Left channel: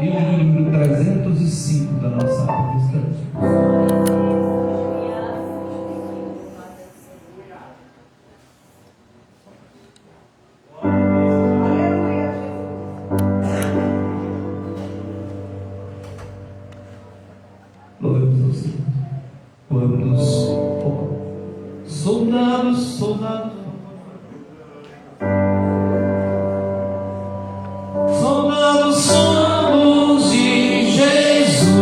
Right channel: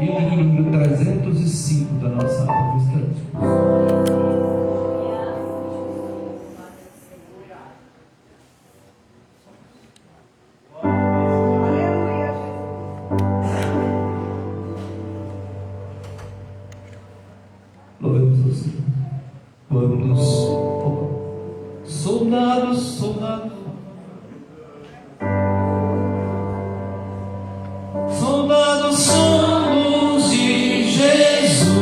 e o livro número 305 da nossa arte cristã. Louvamos ao Senhor. Vamos, soldados, soldados. Soldados somos de Jesus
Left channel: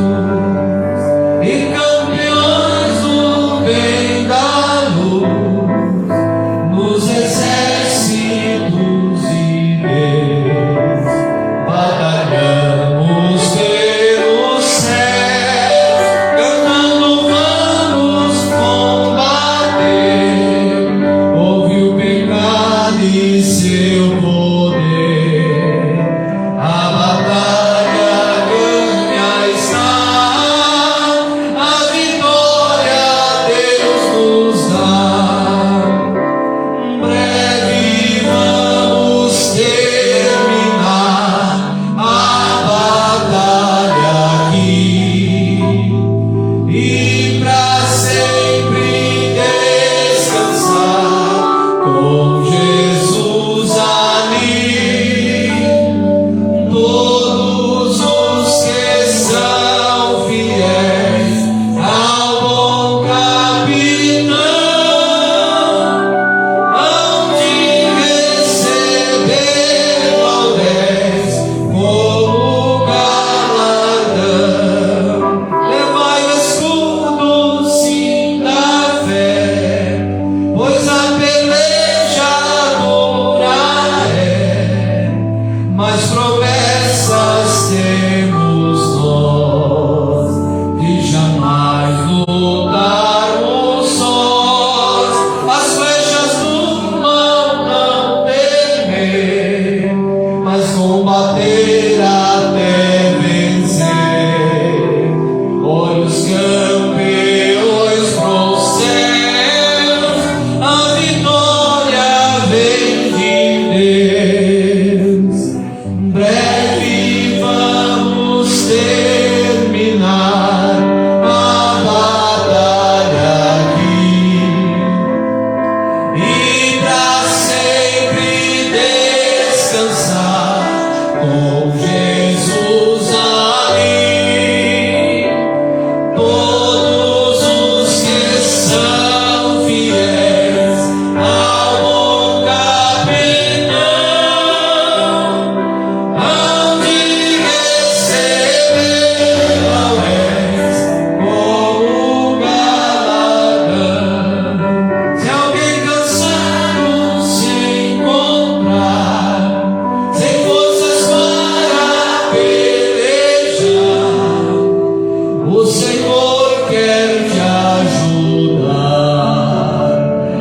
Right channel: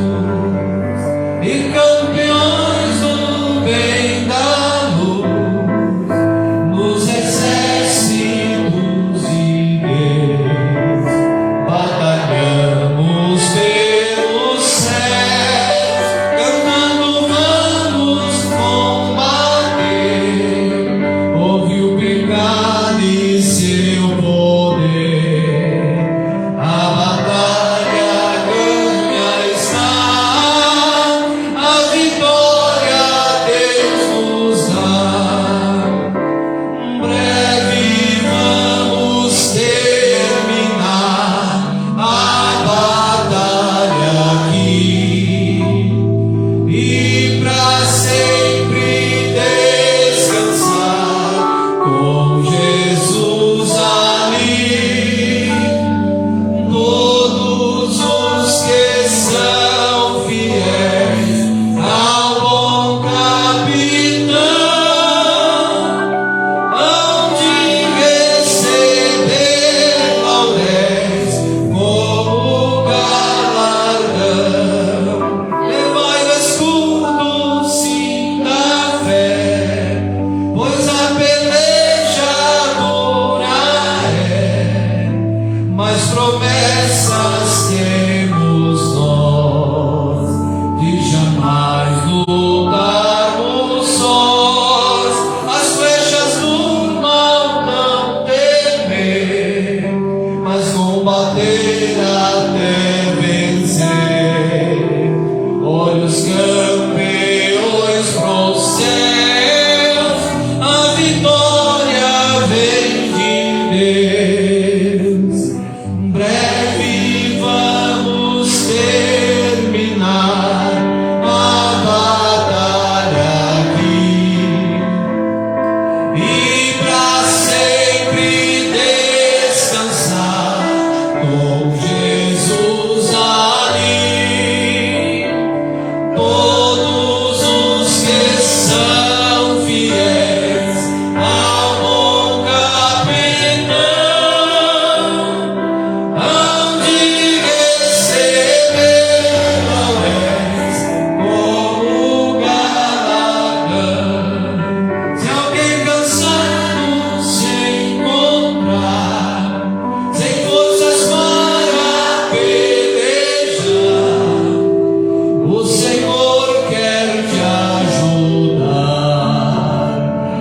e campeões do bem da luz, nos exércitos de Deus, batalhamos pelos céus, cantando vamos combater, ouve o pecado e seu poder. A batalha ganha está, a vitória Deus nos dá. Breve vamos terminar a batalha aqui e pra sempre descansar com Jesus ali. Todos os que são fiéis ao bom capitão hão de receber laurés como galardão. Levai o escudo, sim, da fé, pois a peleja dura é, mas promessas temos nós, de jamais lutarmos sós. As flechas do mal não temer, mas combater até vencer. Olhos campeões pros céus, a vitória vem de Deus. Breve vamos terminar a batalha aqui e pra sempre descansar com Jesus ali. Todos os que são fiéis ao bom capitão hão de receber laurés como galardão. Se alguém cansado se encontrar, sem forças para pelejar, o Senhor quer te ajudar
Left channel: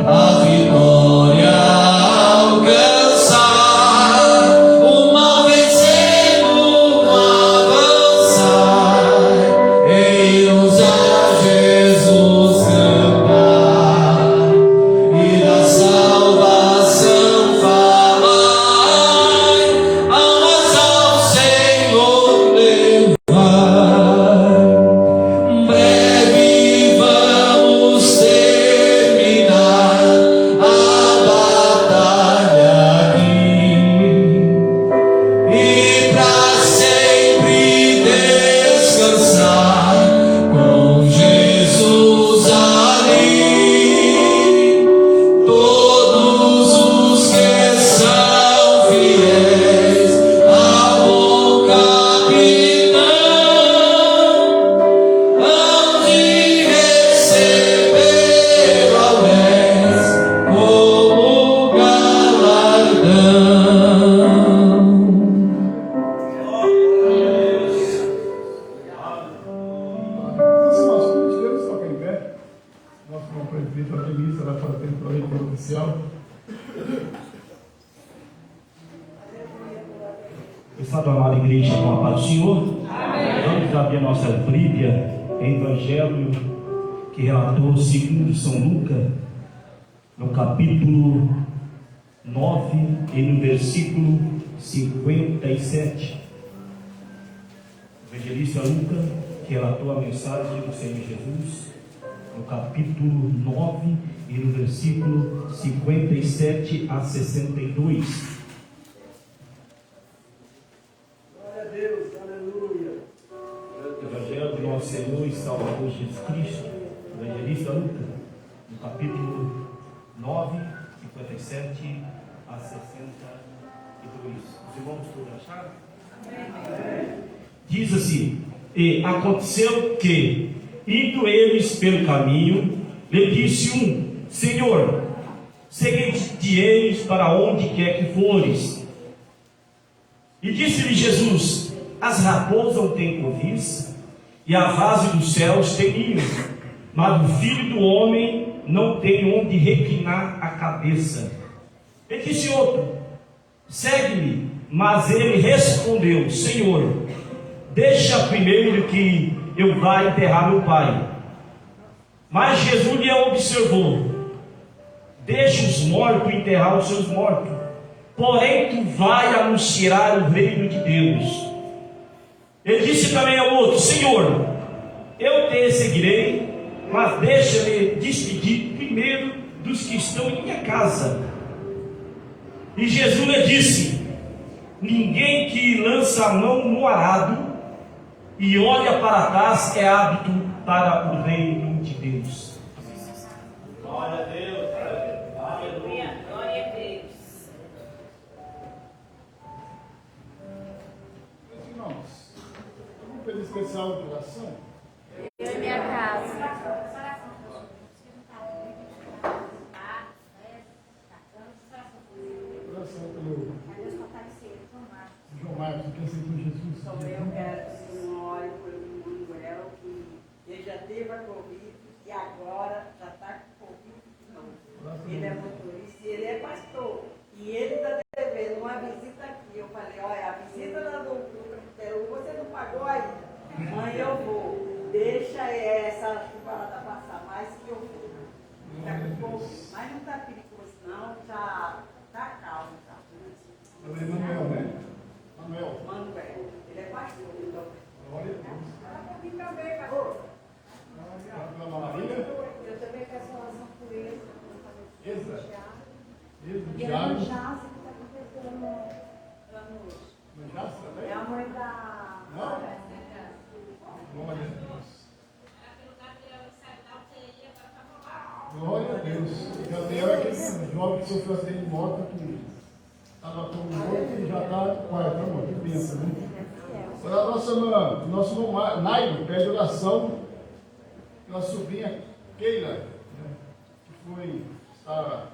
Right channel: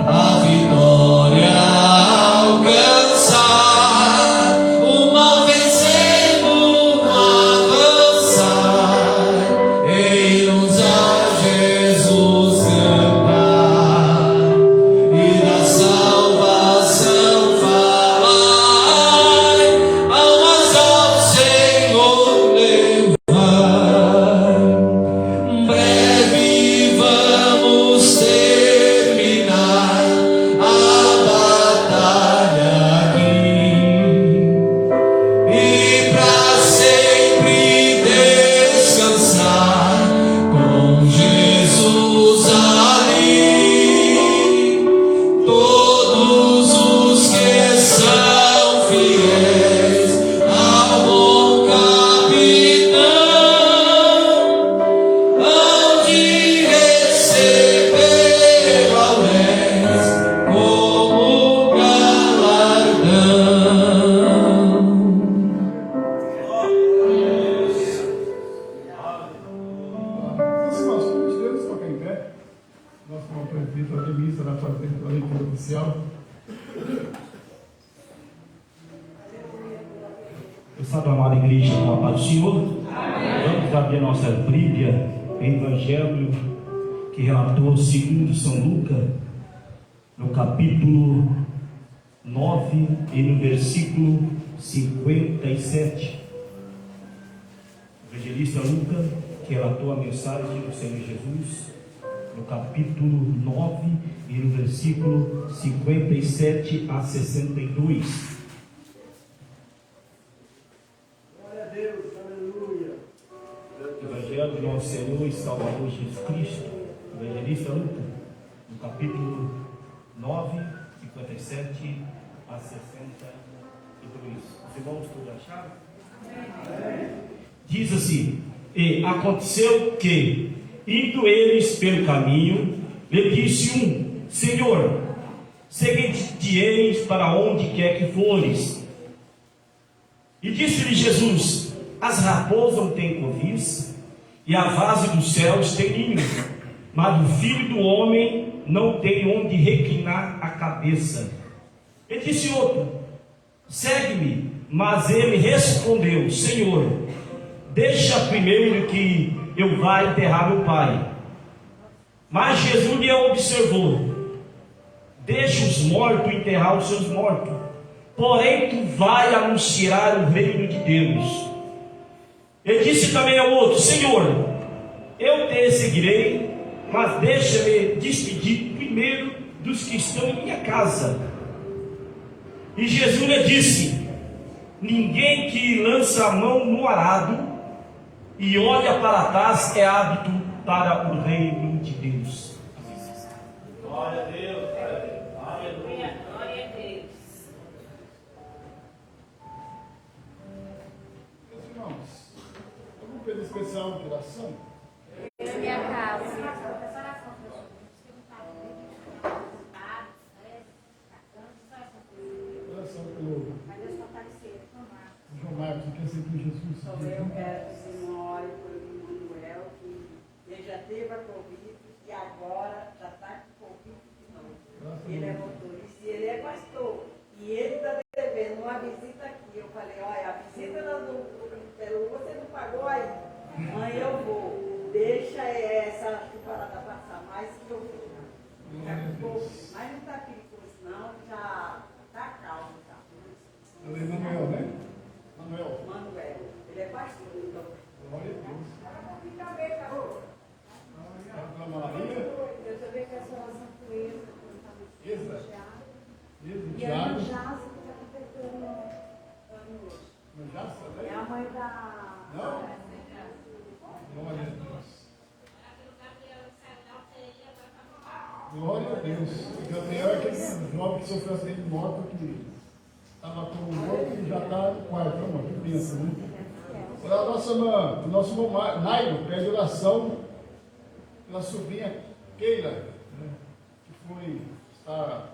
a vitória alcançar, o mal vencendo, avançar, irmos a Jesus cantar e da salvação falar, almas ao Senhor levar. Breve vamos terminar a batalha aqui e pra sempre descansar com Jesus ali. Todos os que são fiéis ao bom capitão hão de receber laurés como galardão. Deus toca em pé. Nosso irmão presbítero Ademir será fazendo a leitura oficial. Estado amada igreja, com a paz do Senhor. Vamos abrir a nossa Bíblia, Evangelho que relatou segundo São Lucas, no capítulo 9 e no versículo 57. evangelista Lucas, que relatou a mensagem do Senhor Jesus, no capítulo 9 e no versículo 57 a 62. Glória a Deus, aleluia. Evangelho do nosso Senhor e Salvador Jesus Cristo, evangelista Lucas, no capítulo 9, 57 a 62. Os irmãos todos acharam? Diz assim: e aconteceu que, indo eles pelo caminho, lhe disse um: Senhor, seguir-te-eis para onde quer que fores. E disse-lhe Jesus: as raposas não têm covis, e a vase dos céus tem ninho, mas o filho do homem não tem onde reclinar a cabeça. E disse outro: segue-me. Mas ele respondeu: Senhor, deixa primeiro que eu vá enterrar meu pai. Mas Jesus lhe observou: deixa os mortos enterrar os seus mortos, porém tu vai anunciar o reino de Deus. Ele disse também ao outro: Senhor, eu te seguirei, mas deixa-me despedir primeiro dos que estão em minha casa. E Jesus lhe disse: ninguém que lança a mão no arado e olha para trás é apto para o reino de Deus. Glória a Deus. Aleluia. Glória a Deus. Meus irmãos, algum período especial de oração? Eu e minha casa. Oração pelo João Marcos, que aceitou Jesus. Eu quero que o Senhor ore pelo Manuel, que ele já teve a Covid e agora já está com Covid de novo. Ele é motorista e ele é pastor. E ele está devendo uma visita aqui. Eu falei: olha, a visita do Peru você não pagou ainda. Mãe, eu vou. Deixa essa chuvarada passar mais que eu vou. Mas não está perigoso, não. Já está calmo. Tá? Eu lembro Manuel, né? Manuel. Ele é pastor. Então. Glória a Deus. Aqui também, pastor. Pela Maria. Eu também quero falar com ele. Ezra. E a Tiago. Jasa, que está completando ano hoje. Mas já também? É a mãe da. Não? Glória a Deus. Glória a Deus. Gabriel é aquele jovem que sofreu acidente de moto que estava com o outro e já está quarto. Que bênção, né? A nossa irmã, nosso irmão Nairo pede oração pela sobrinha Keila, né, que está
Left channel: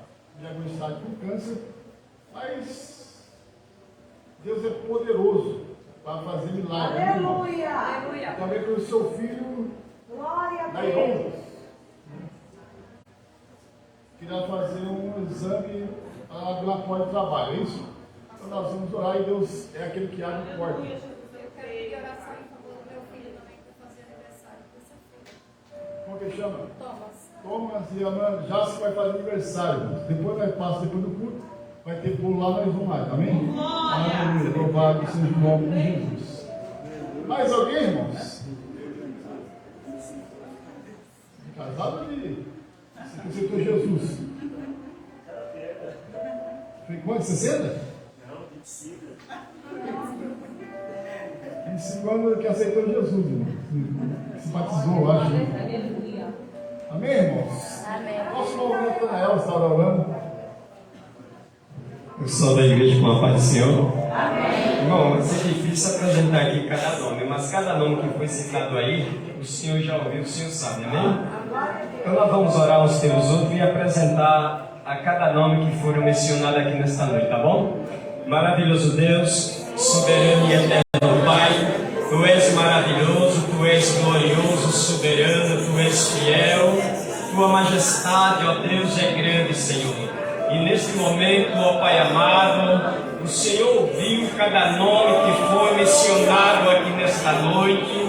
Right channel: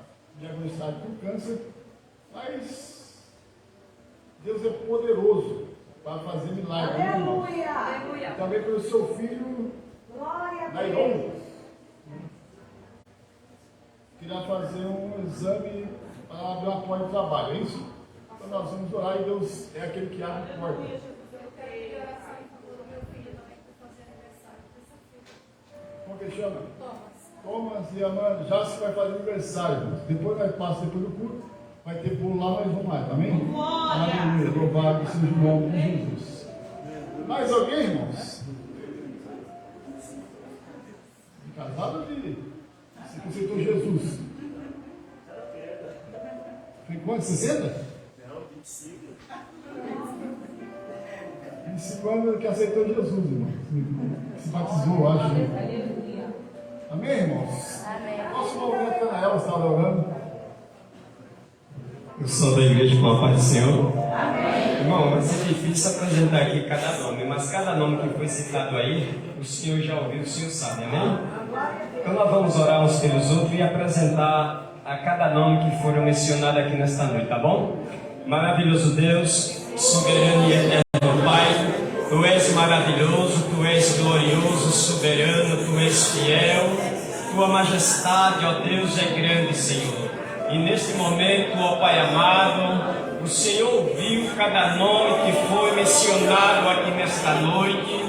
diagnosticada com câncer, mas Deus é poderoso para fazer milagre. Né, irmão? Aleluia! E também pelo seu filho Glória a Nairon, Deus! que irá fazer um exame para abrir uma porta de trabalho, é isso? Então nós vamos orar e Deus é aquele que abre a porta. Como que chama? Thomas e a Amanda já se vai fazer aniversário. Depois nós passamos, depois do culto, vai ter bolo lá, nós vamos mais, amém? Aleluia, louvado seja o nome de Jesus. Mais alguém, irmãos? Casado ou de? Você que aceitou Jesus? Foi quanto? 60? Não, 25. 25 anos que aceitou Jesus, irmão. Se batizou, eu acho. Amém, irmãos? Amém. Nosso movimento Nael está orando. Eu sou da igreja com a paz do Senhor. Amém. Irmão, vai ser difícil apresentar aqui cada nome, mas cada nome que foi citado aí, o Senhor já ouviu, o Senhor sabe, amém? Então nós vamos orar uns pelos outros e apresentar a cada nome que foram mencionados aqui nesta noite, tá bom? Maravilhoso Deus, soberano e eterno Pai, Tu és maravilhoso, Tu és glorioso, soberano, Tu és fiel, Tua majestade, ó Deus, é grande, Senhor. E neste momento, ó Pai amado, o Senhor ouviu cada nome que foi mencionado aqui nesta noite.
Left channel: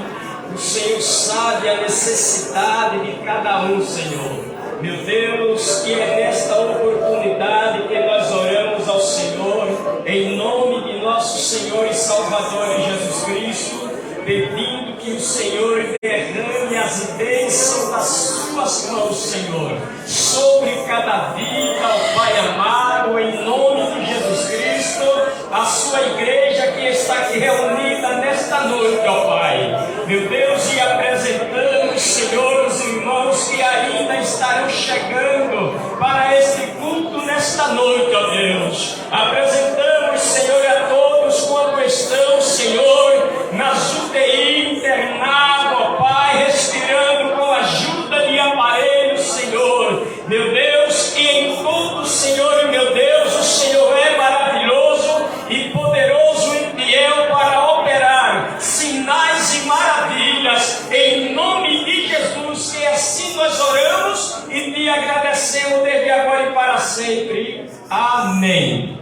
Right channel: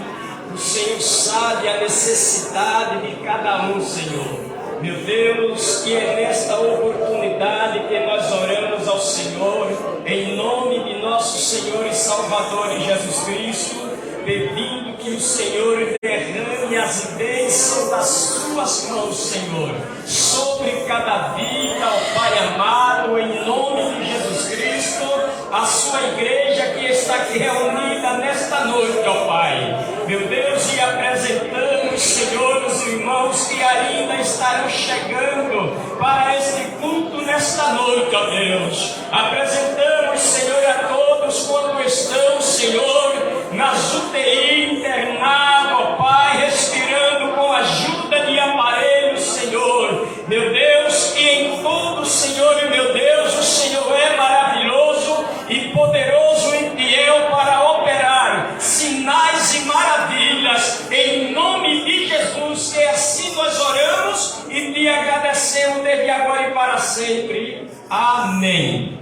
O Senhor sabe a necessidade de cada um, Senhor. Meu Deus, e é nesta oportunidade que nós oramos ao Senhor, em nome de nosso Senhor e Salvador Jesus Cristo, pedindo que o Senhor derrame as bênçãos das suas mãos, Senhor, sobre cada vida, ó Pai amado, em nome de Jesus Cristo, a sua igreja que está aqui reunida nesta noite, ó Pai. Meu Deus, e apresentamos, Senhor, os irmãos que ainda estarão chegando para este culto nesta noite, ó Deus. Apresentamos, Senhor, a todos como estão, Senhor, nas UTI, internado, ó Pai, respirando com a ajuda de aparelhos, Senhor. Meu Deus, e em tudo, Senhor, meu Deus, o Senhor é maravilhoso e poderoso e fiel para operar sinais e maravilhas, em nome de Jesus, e assim nós oramos e te agradecemos desde agora e para sempre. Amém.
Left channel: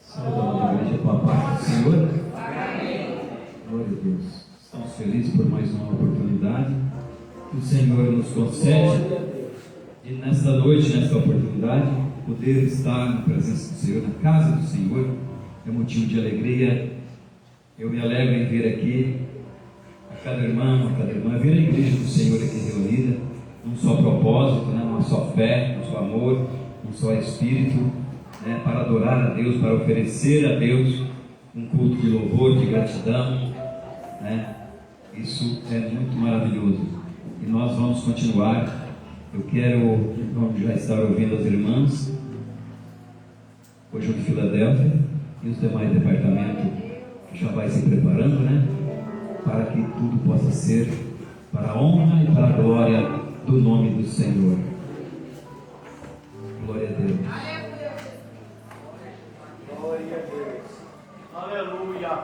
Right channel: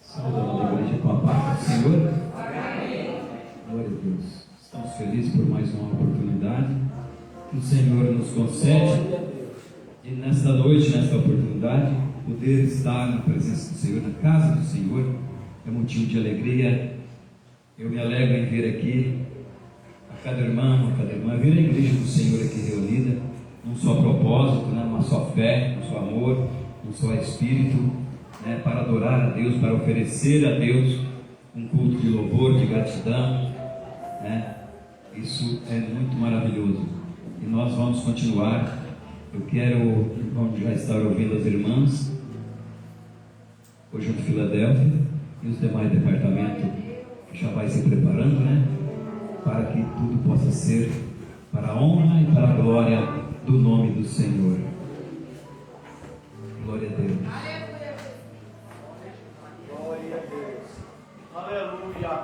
Saudamos a igreja com a paz do Senhor. Glória a Deus. Estamos felizes por mais uma oportunidade que o Senhor nos concede. E nesta noite, nesta oportunidade, poder estar na presença do Senhor, na casa do Senhor, é motivo de alegria. Eu me alegro em ver aqui a cada irmão, ver a igreja do Senhor aqui reunida, num só propósito, né? Uma só fé, um só amor, um só espírito, né? Para adorar a Deus, para oferecer a Deus um culto de louvor, de gratidão, né? Isso é muito maravilhoso. E nós vamos continuar. Eu quero, vamos já estar ouvindo as irmãs, hoje de Filadélfia, e os demais departamentos já vai se preparando, né? Para que tudo possa ser para a honra e para a glória do nome do Senhor. Glória a Deus. Glória a Deus. Aleluia.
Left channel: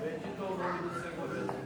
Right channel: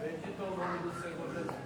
Bendito é o nome do Senhor Jesus.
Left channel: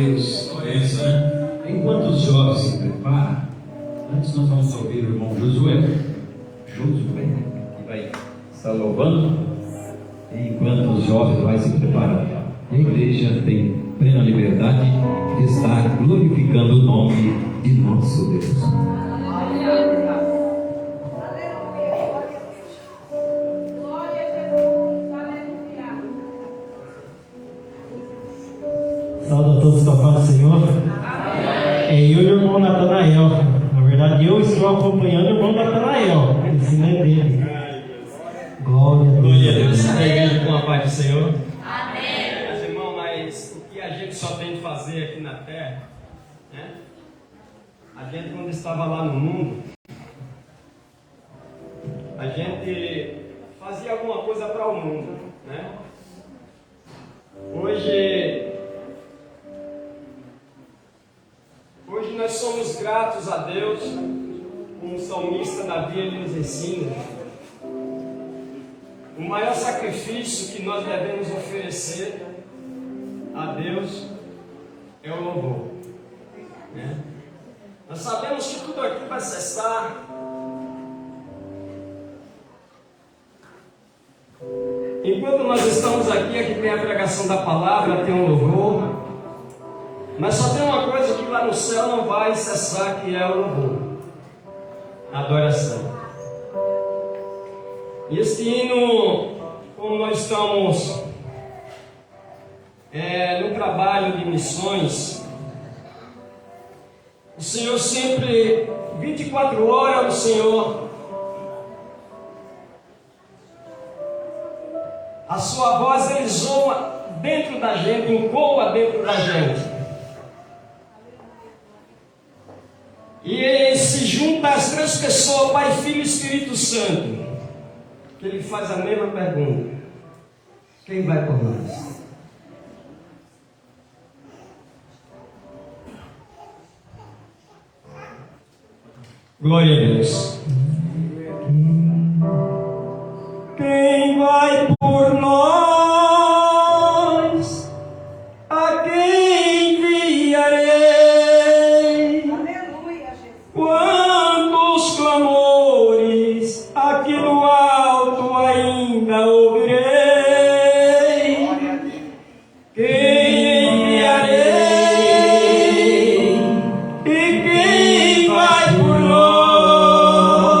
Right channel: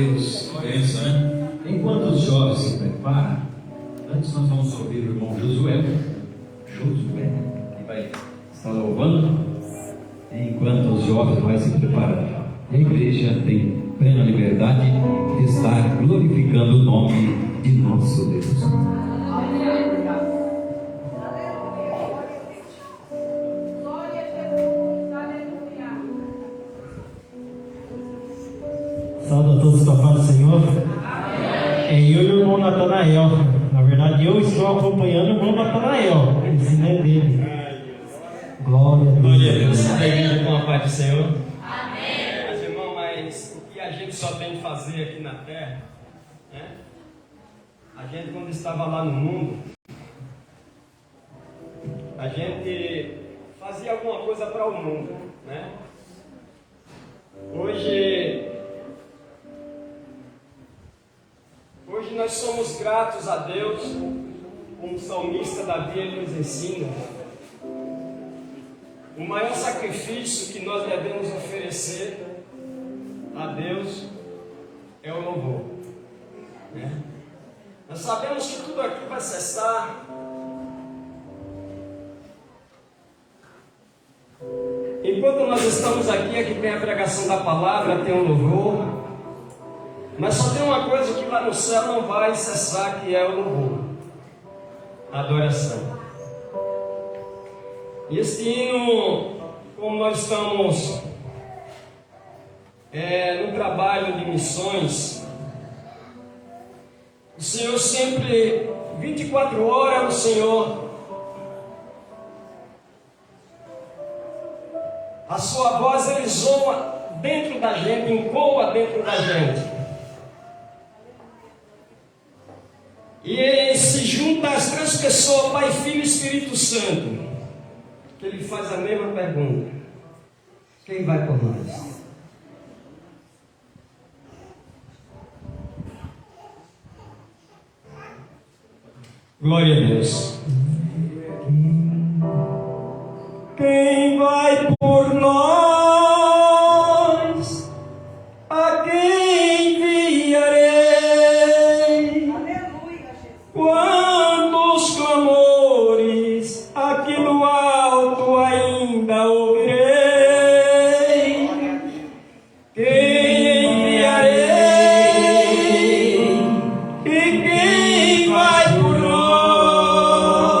Deus, que bênção, né? Enquanto os jovens se preparam, antes nós vamos ouvir o irmão Josué, que vai estar louvando, enquanto os jovens vão se preparando. A igreja tem plena liberdade de estar glorificando o nome de nosso Deus. Saúde a todos da paz do Senhor. Eu e o irmão Natanael. Na verdade, eu estou acompanhando o irmão Natanael. O ensino é dele. Glória a Deus. Glória a Deus. A igreja com a paz do Senhor. Amém. Mas, irmão, mas o que a gente só tem de fazer aqui na terra, né? A gente, quando estava lá no mundo, a gente fazia alguma coisa para o mundo, né? Hoje nós somos gratos a Deus, como o salmista Davi ele nos ensina. O maior sacrifício que nós devemos oferecer a Deus é o louvor, né? Nós sabemos que tudo aqui vai cessar. Enquanto nós estamos aqui tem a pregação da palavra, tem o louvor. Mas só tem uma coisa que lá no céu não vai cessar, que é o louvor, a adoração. E este hino, como nós estamos no trabalho de missões, o Senhor sempre, 24 horas, o Senhor, a sua voz ele zoa dentro da gente, ecoa dentro da gente. E ele se junta às três pessoas, Pai, Filho e Espírito Santo. Ele faz a mesma pergunta: quem vai por nós? Glória a Deus. Quem vai por nós? A quem enviarei? Aleluia, Jesus. Quantos clamores aqui do alto ainda ouvirei? Quem enviarei? E quem vai por nós?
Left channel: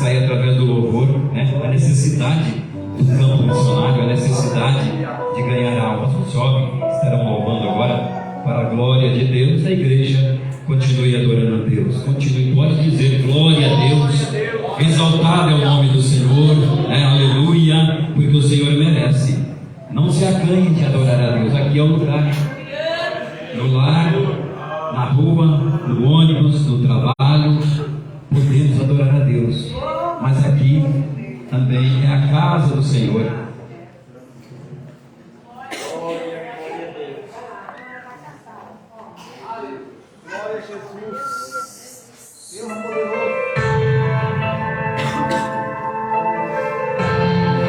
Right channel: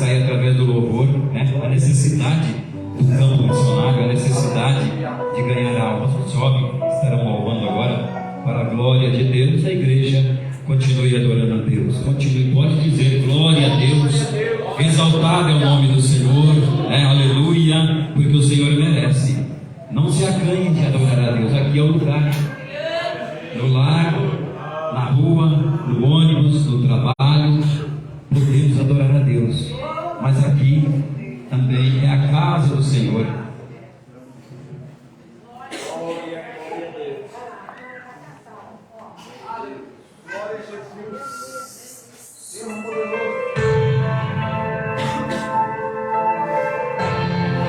extrair através do louvor, né? A necessidade do campo missionário, a necessidade de ganhar almas. Os jovens estarão louvando agora para a glória de Deus. A igreja continue adorando a Deus, continue, pode dizer glória a Deus, exaltado é o nome do Senhor, né? Aleluia, porque o Senhor merece. Não se acanhe de adorar a Deus. Aqui é o lugar, no lar, na rua, no ônibus, no trabalho, podemos adorar a Deus, mas aqui também é a casa do Senhor. Glória a Deus. Glória a Jesus. Deus poderoso. Aleluia.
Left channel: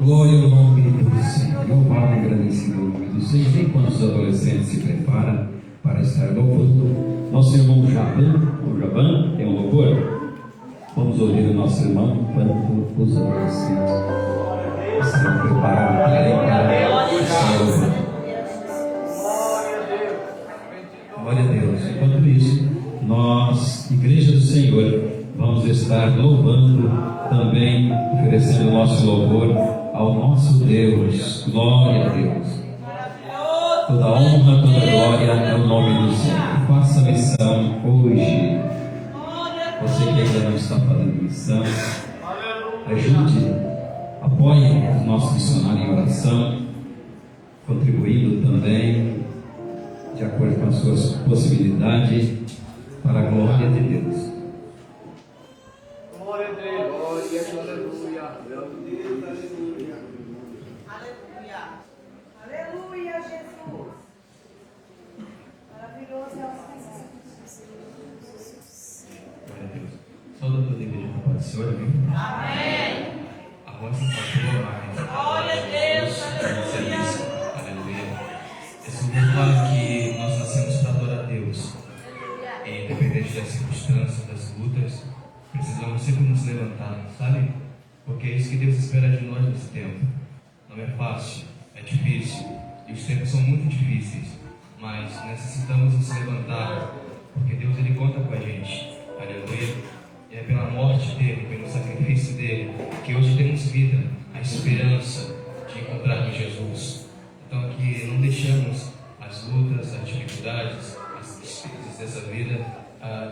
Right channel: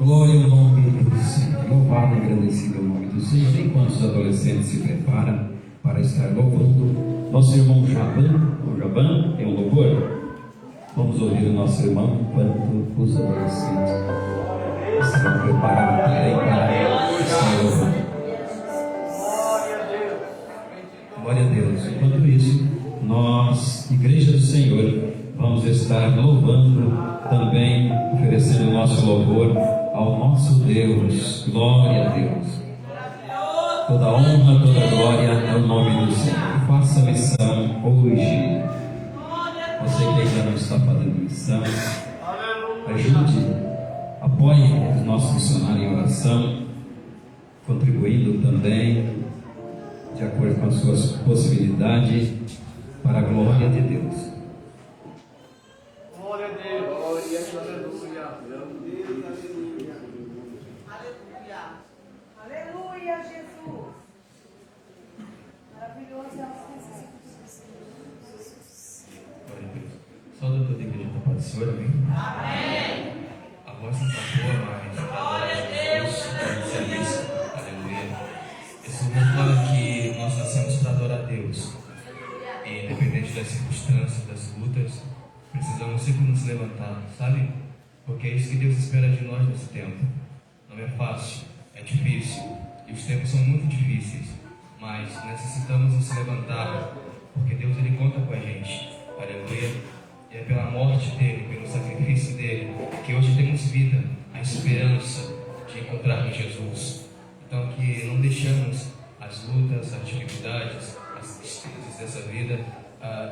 Glória ao nome do Senhor. Louvado e agradecido ao nome do Senhor. Enquanto os adolescentes se preparam para estar louvando, nosso irmão Jaban, tem um louvor. Vamos ouvir o nosso irmão enquanto os adolescentes se preparam para estar louvando. Glória a Deus. Enquanto isso, nós, Igreja do Senhor, vamos estar louvando também, oferecendo o nosso louvor ao nosso Deus. Glória a Deus. Toda honra, toda glória ao nome do Senhor. Que faça missão hoje. Você que ainda não está fazendo missão, ajude, apoie os nossos missionários em oração, contribuindo também, de acordo com as suas possibilidades, para a glória de Deus. Glória a Deus. Aleluia. Aleluia. Aleluia, Jesus. Maravilhoso é o Senhor. Glória a Deus. Saúde toda a igreja da paz do Senhor, amém? Amém. A voz do pastor, mas Glória a Deus, aleluia. Aleluia. Esse momento que nós nascemos para adorar a Deus. E independente das circunstâncias, das lutas, precisamos sempre nos levantar, sabe? Porque é isso que Deus espera de nós nesse tempo. Não é fácil, é difícil. E os tempos são muito difíceis. Mas necessitamos nos levantar, porque Deus ele conta com a gente. Aleluia. E é pela morte dele, pelo sacrifício dele, que hoje temos vida, a esperança de encontrarmos Jesus. Então que não deixamos as lutas, as dificuldades, as tristezas dessa vida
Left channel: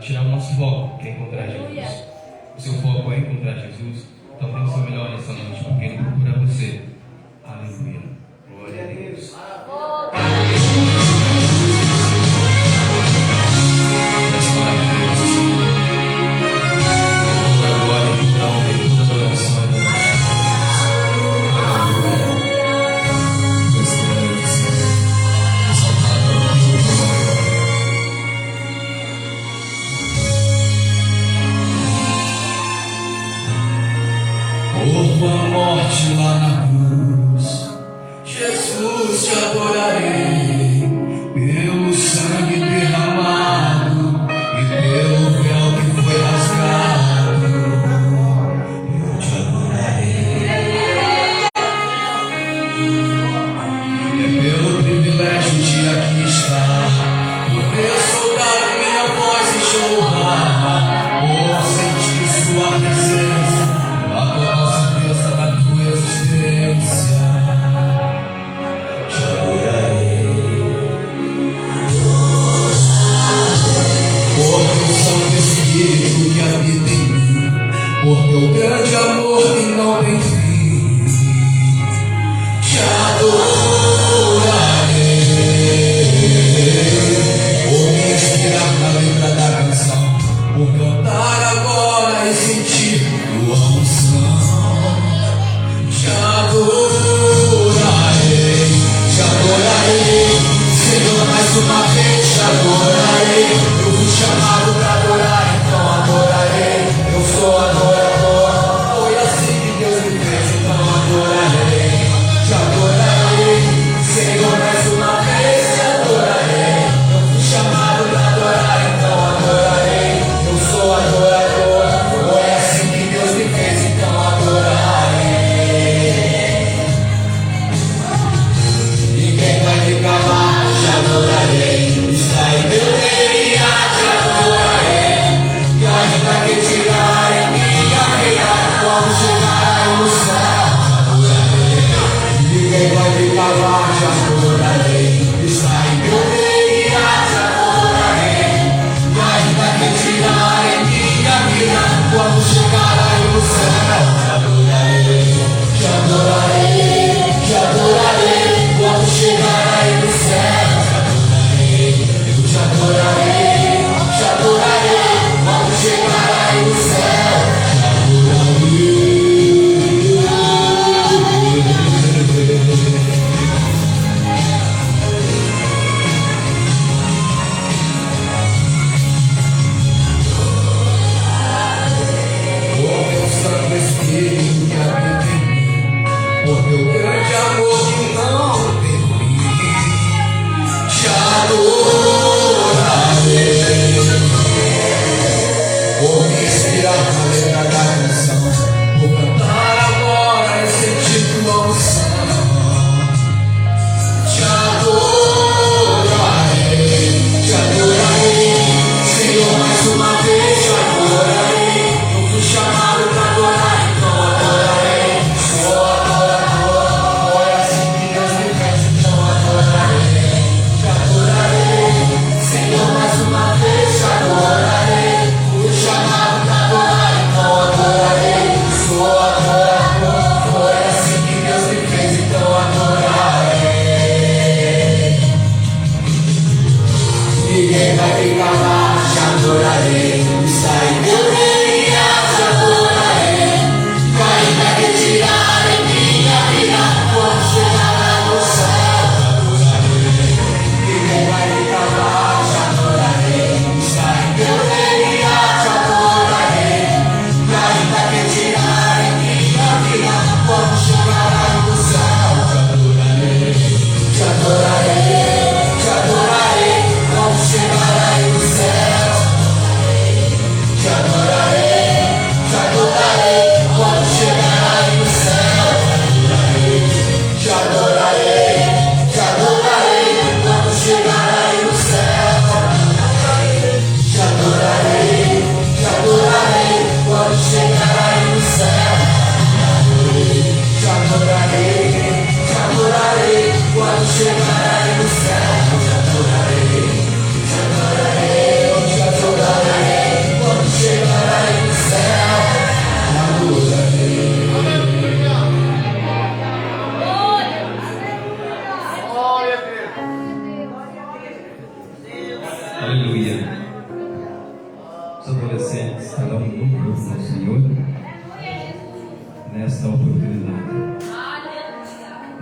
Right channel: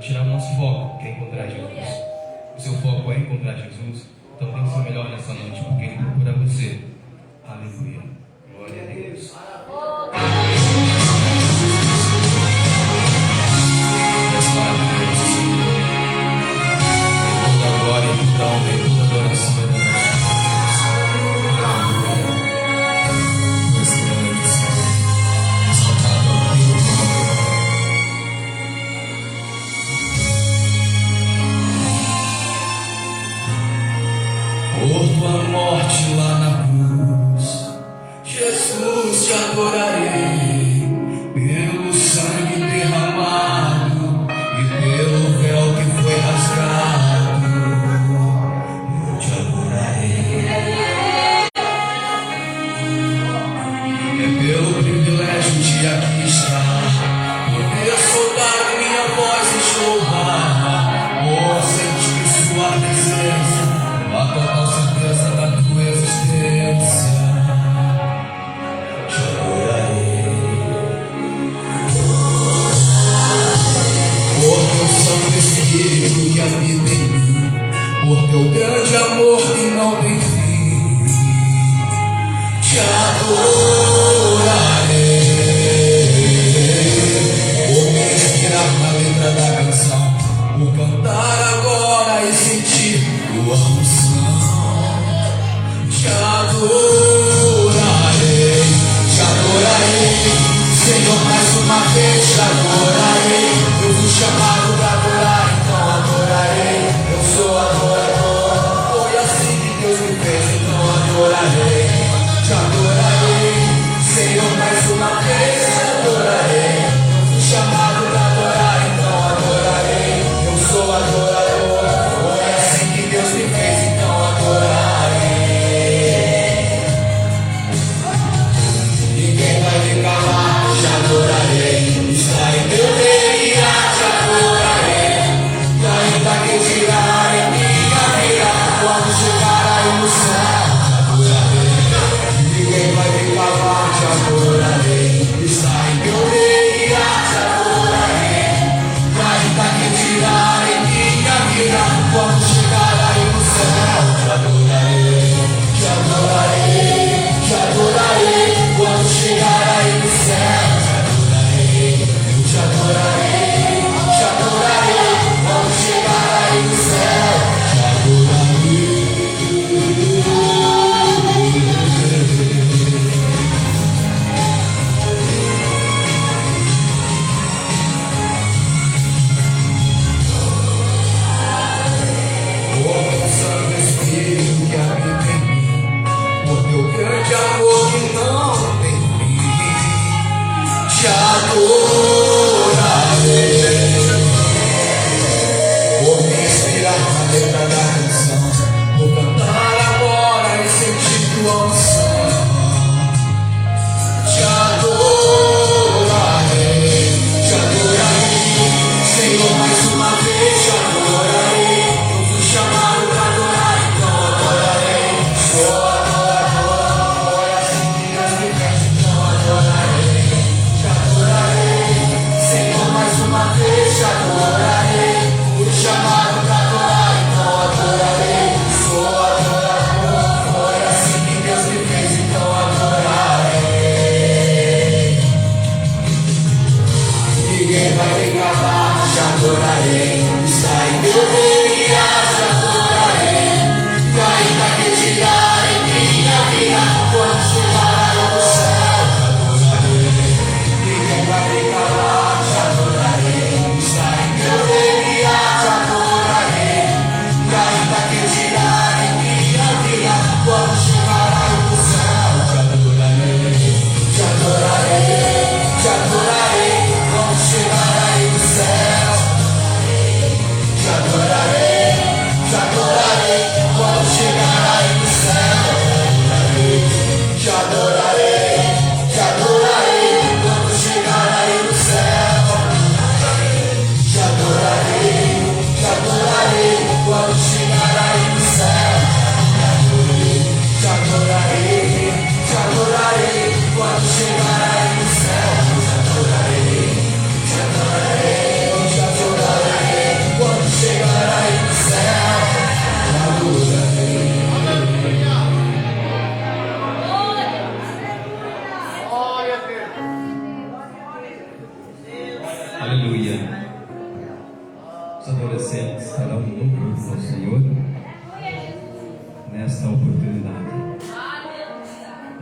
tirar o nosso foco, que é encontrar Jesus. O seu foco é encontrar Jesus. Então dê o seu melhor nessa noite, porque ele procura você. Aleluia. Glória a Deus. Por tua morte lá na cruz, Jesus, te adorarei.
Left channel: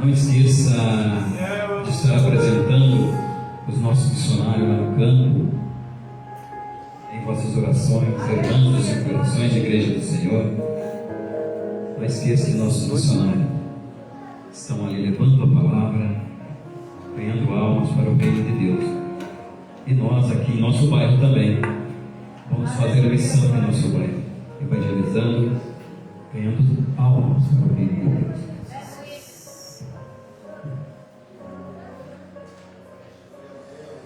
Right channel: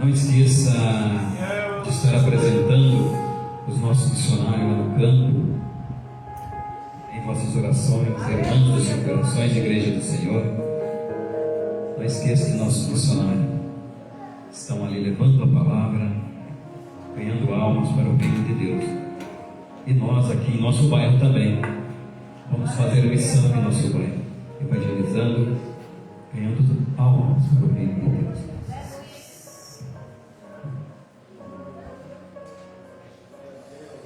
Não esqueça de estar apresentando os nossos missionários lá no campo, em vossas orações, irmãos e corações de Igreja do Senhor. Não esqueça de nossos missionários. Estão ali levando a palavra, ganhando almas para o reino de Deus. E nós aqui em nosso bairro também vamos fazer missão em nosso bairro, evangelizando, ganhando almas para o reino de Deus.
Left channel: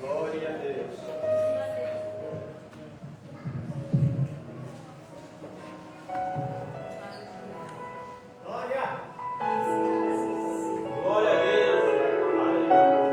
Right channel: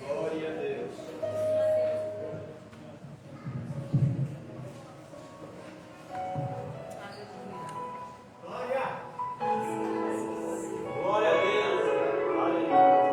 Glória a Deus. Glória. Glória a Deus. Aleluia.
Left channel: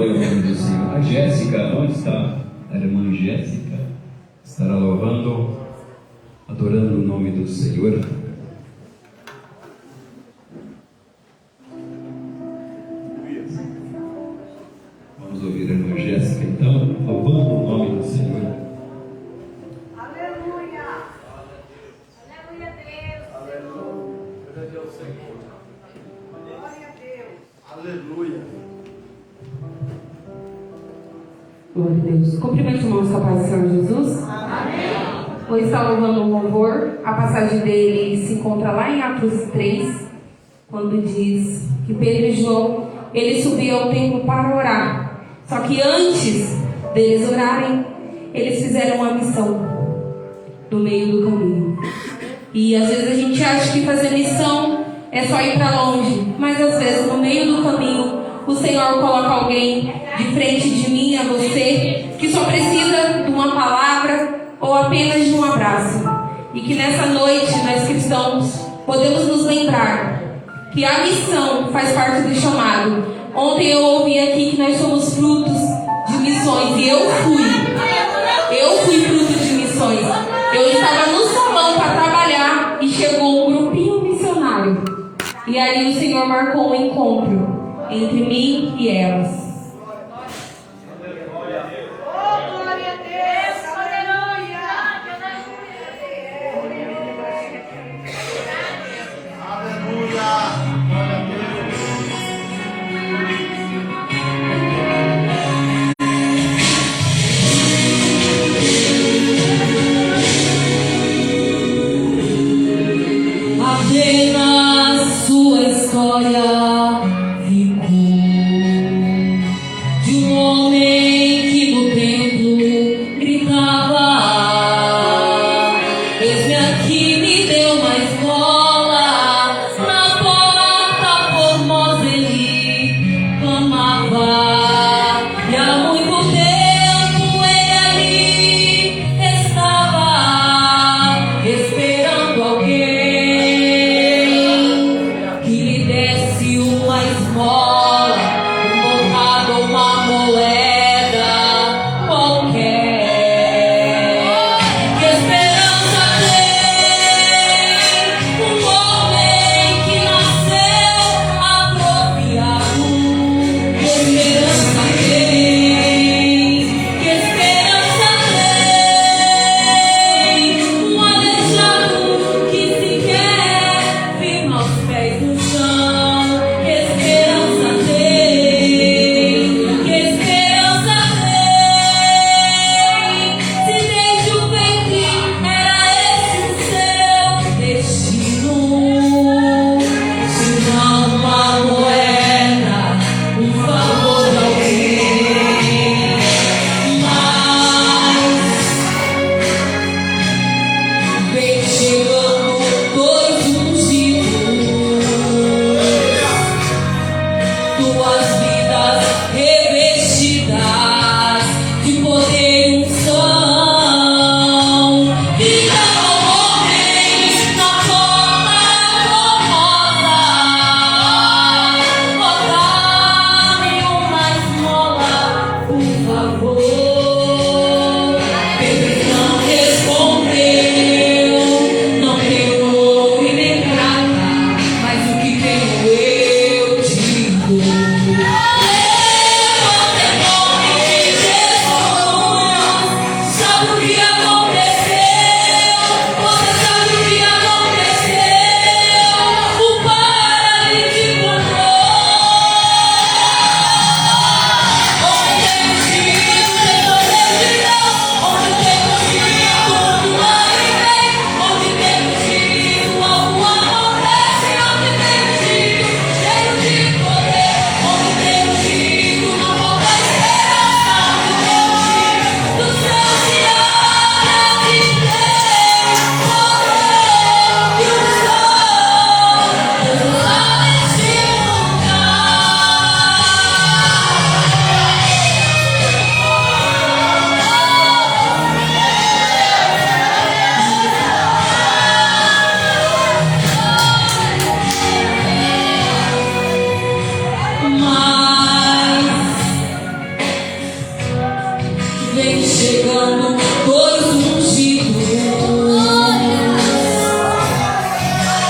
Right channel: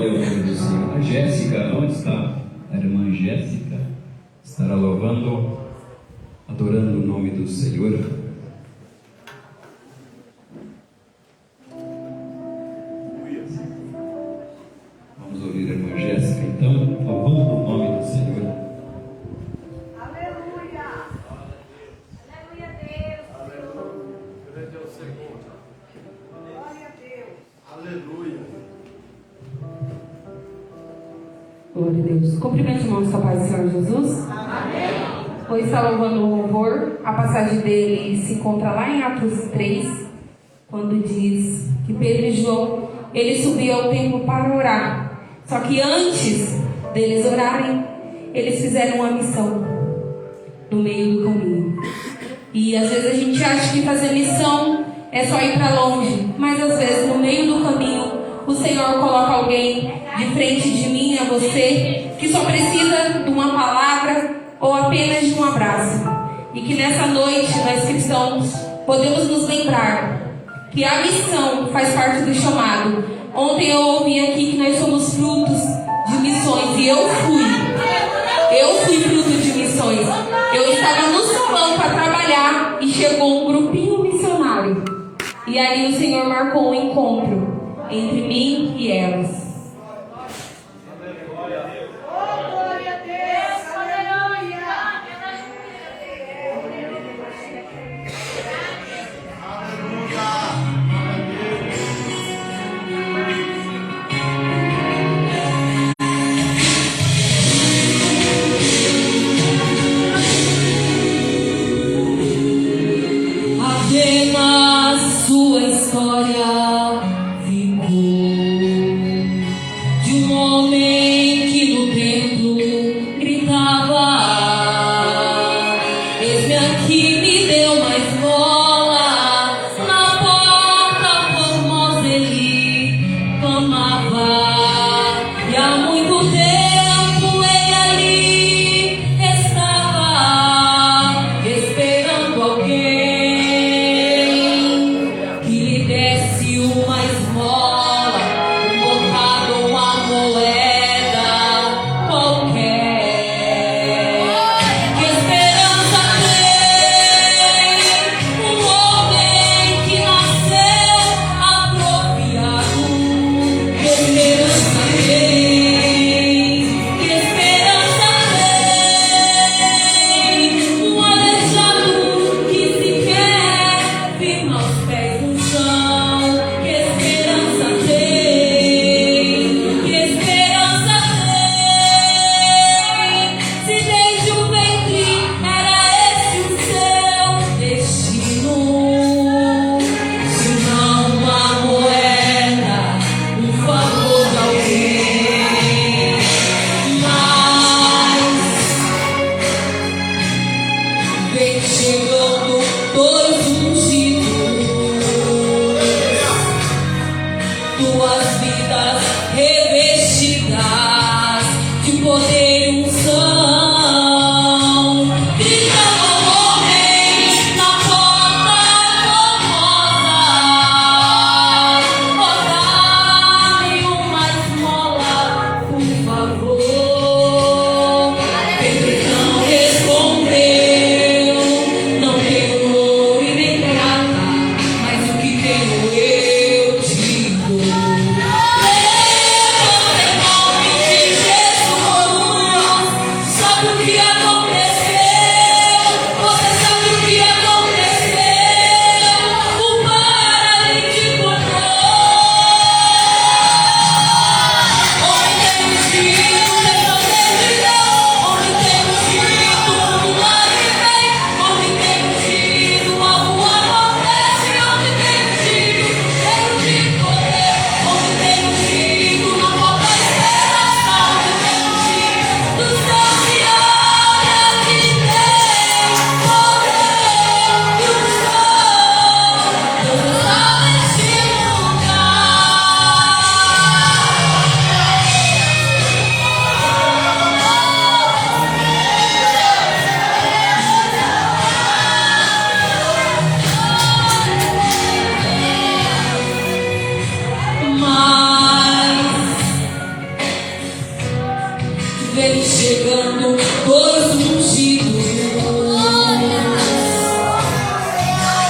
Glória ao nome do Senhor. A Jéssica, onde está? A irmã Jéssica estará louvando, adorando o nome do Senhor. Vamos ouvir a irmã Jéssica, então, louvando o nome do Senhor. Aleluia. Aleluia, Deus. Grande é o Senhor. Glória a Deus. Aleluia. Glória a Deus. Cumprimento os irmãos com a paz do Senhor Jesus. Amém. Hoje está louvando o louvor. A passagem dele se encontra lá em Atos 3, quando diz que Pedro e João, eles subiam ao templo para orar. Só que antes deles orarem, eles fizeram uma missão no meio do caminho. E às vezes a gente acha que fazer missão é só ir para longe, mas às vezes no meio do caminho o Senhor coloca alguém de frente de mim, a você, que só precisa de uma palavra ou apenas de um abraço. E que nessa noite nós cristãos podemos nos lembrar que a missão faz parte do chamado. Ontem eu ouvi aqui que nós somos frutos de missões e eu fui fruto de missões. Eu estava no salão para trabalhar e chegou um grupinho missionário. E aí o Senhor marcou um encontro entre mim e elas. Glória a Deus. Aleluia. Aleluia. vem chegando, todos ungidos.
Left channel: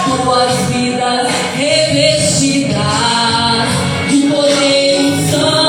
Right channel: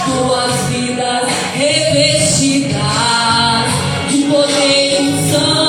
Tuas vidas revestidas de poder e unção.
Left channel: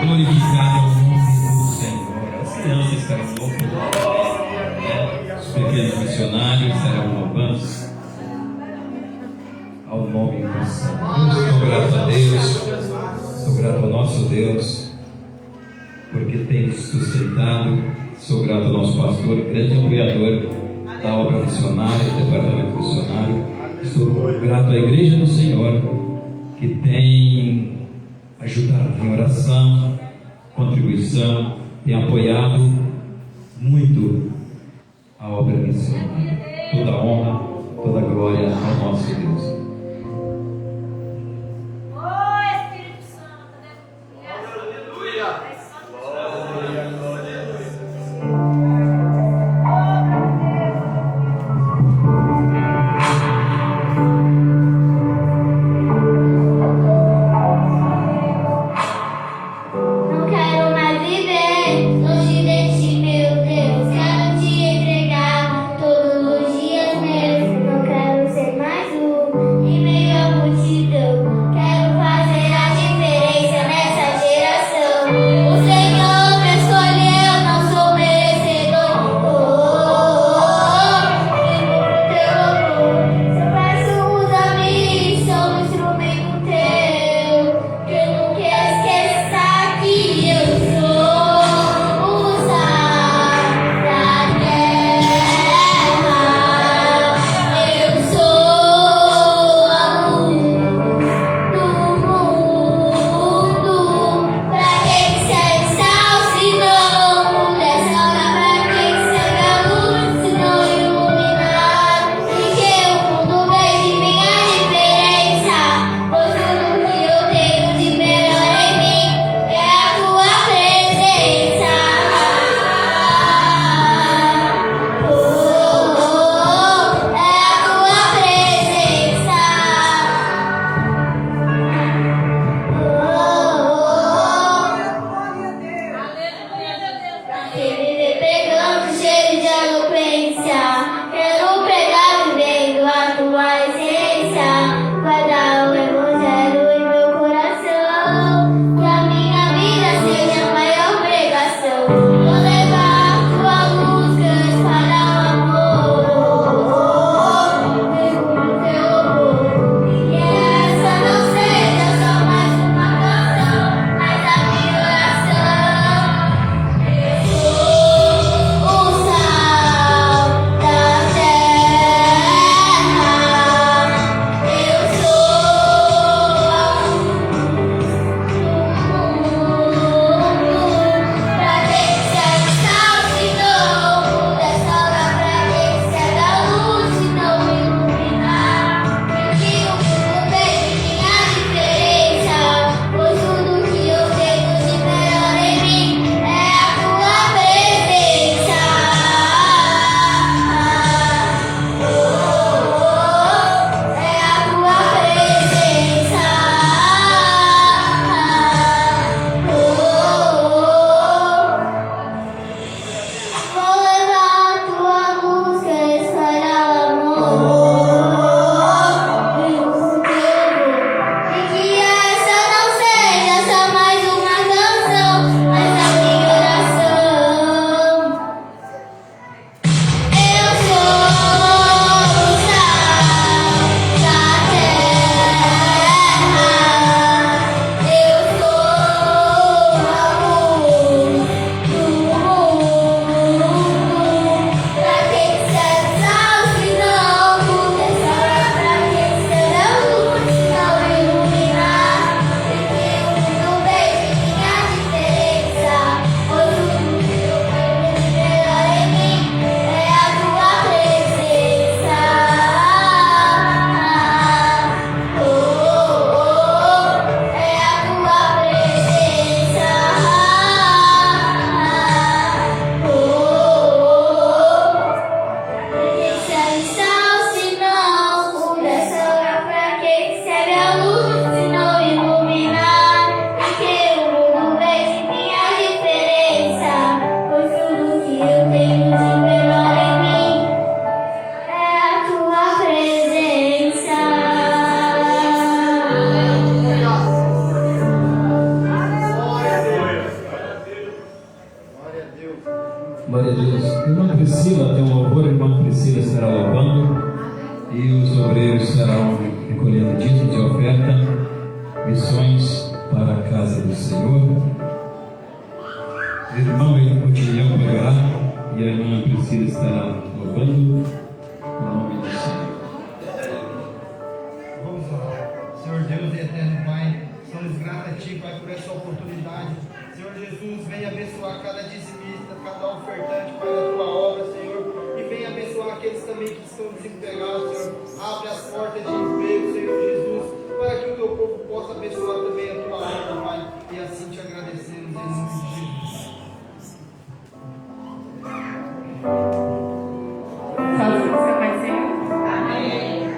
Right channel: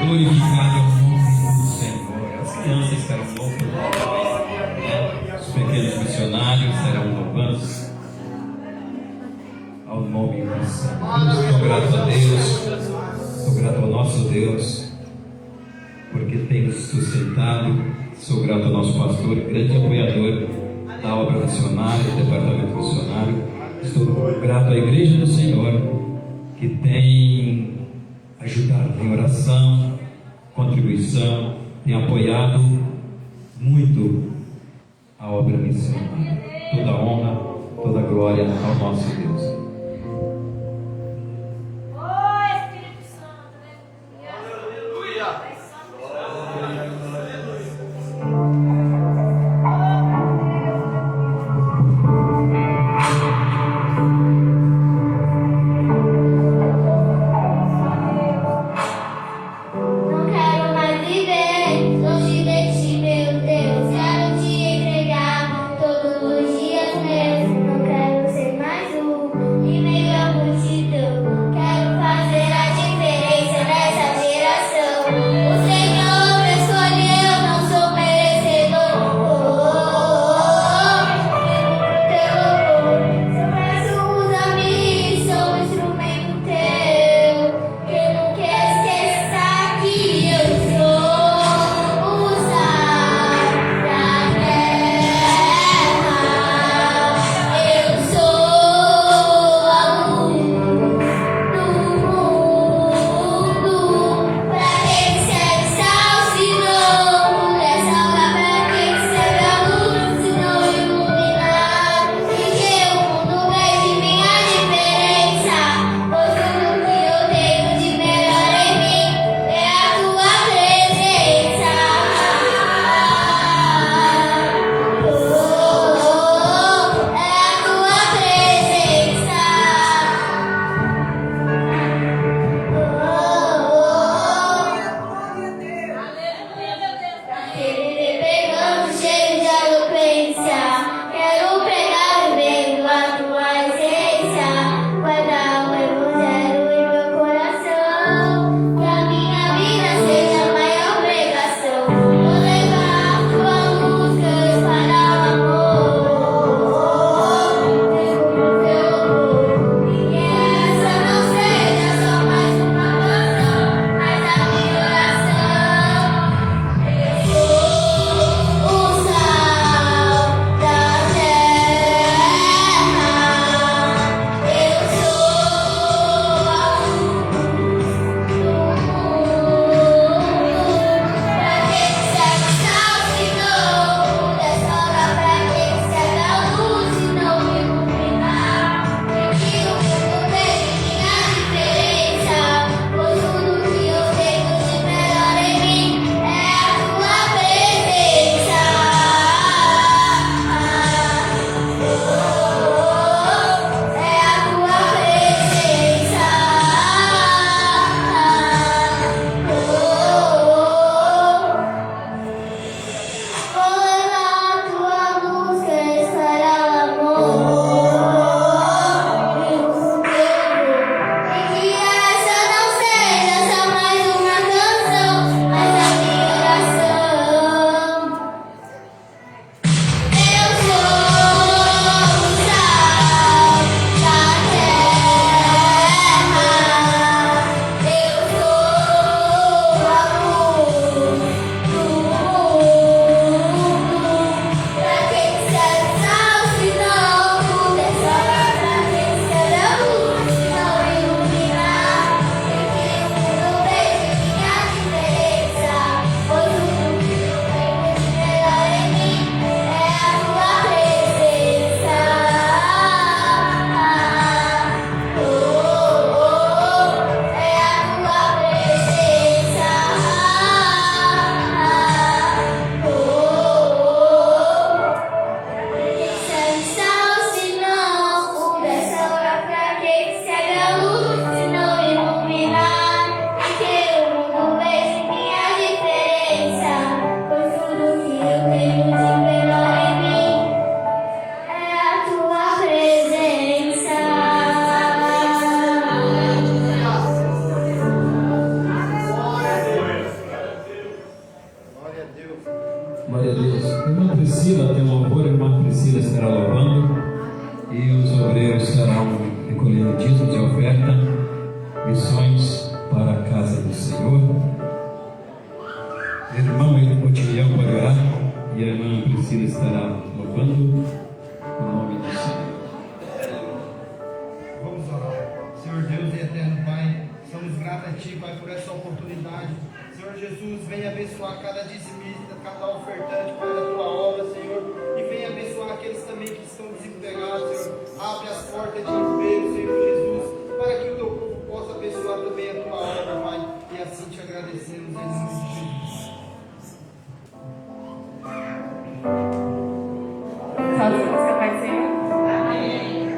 Glorificado é o nome do Senhor. As crianças estarão louvando, né? Os pequenos missionários estarão louvando ao nome do Senhor. Sou grato a Deus, sou grato ao nosso Deus, porque tem nos sustentado. Sou grato ao nosso pastor, grande apoiador da obra missionária, do departamento missionário. Estou grato à Igreja do Senhor, que tem ajudado em oração, contribuição, tem apoiado muito a obra missionária. Toda a honra, toda a glória ao nosso Deus. Oh, Espírito Santo, né? Aleluia. Não quero mais viver longe de ti, meu Deus. Quero te entregar todos os dias meus. Não quero ser mais um louvor, a irmã Priscila estará louvando e os obreiros estarão recolhendo dízimo de oferta, missões para a casa do Senhor. O irmão Otilião pegará e a irmã Priscila estará louvando o nome do Senhor. Vamos orar. Senhor Deus e eterno Pai, somos gratos a Ti, Pai, por essa oportunidade. Senhor Jesus, venha abençoar cada dizimista, cada ofertante, Pai, da Tua obra, Senhor. E venha abençoar aqueles também que estão desempregados, Senhor. Abre as portas de emprego, Senhor Jesus, para que o Teu povo possa abençoar também a Tua obra, Pai. E assim Te agradecemos em nome de Jesus. Sozinho você vai ser? Amém.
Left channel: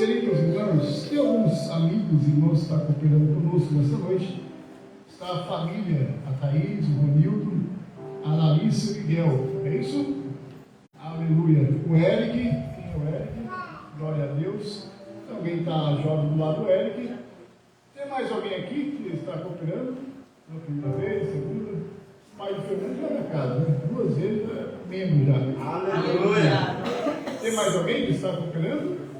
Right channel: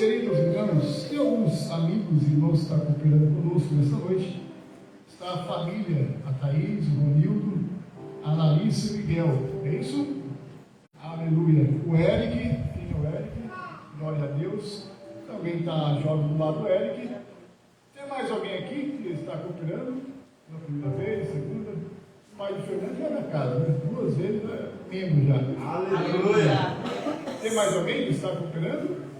queridos irmãos, tem alguns amigos e irmãos que estão cooperando conosco nesta noite. Está a família, a Thaís, o Ronildo, a Larissa e o Miguel. É isso? Aleluia. O Eric, quem é o Eric? Glória a Deus. Também está jovem do lado do Eric. Tem mais alguém aqui que está cooperando? Na primeira vez, segunda? O pai do Fernando já na casa, né? 2 vezes é membro já. Aleluia. Tem mais alguém que está cooperando?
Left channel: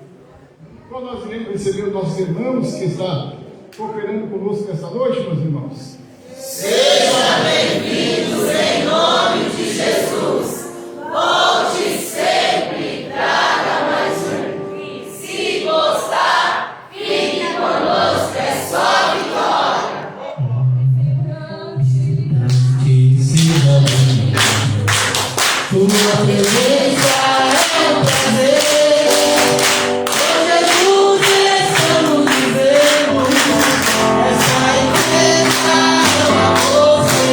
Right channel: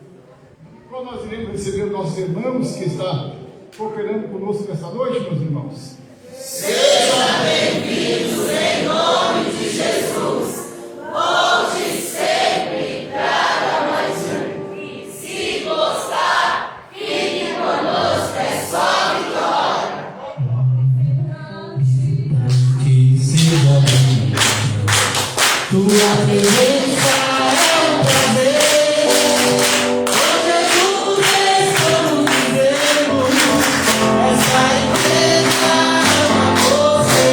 Qual nós iremos receber os nossos irmãos que estão cooperando conosco nessa noite, meus irmãos? Seja bem-vindo em nome de Jesus. Volte sempre, traga mais um. Se gostar, fique conosco, é só vitória. Tua beleza é um prazer. Jesus, estamos vivendo. Essa igreja ama você.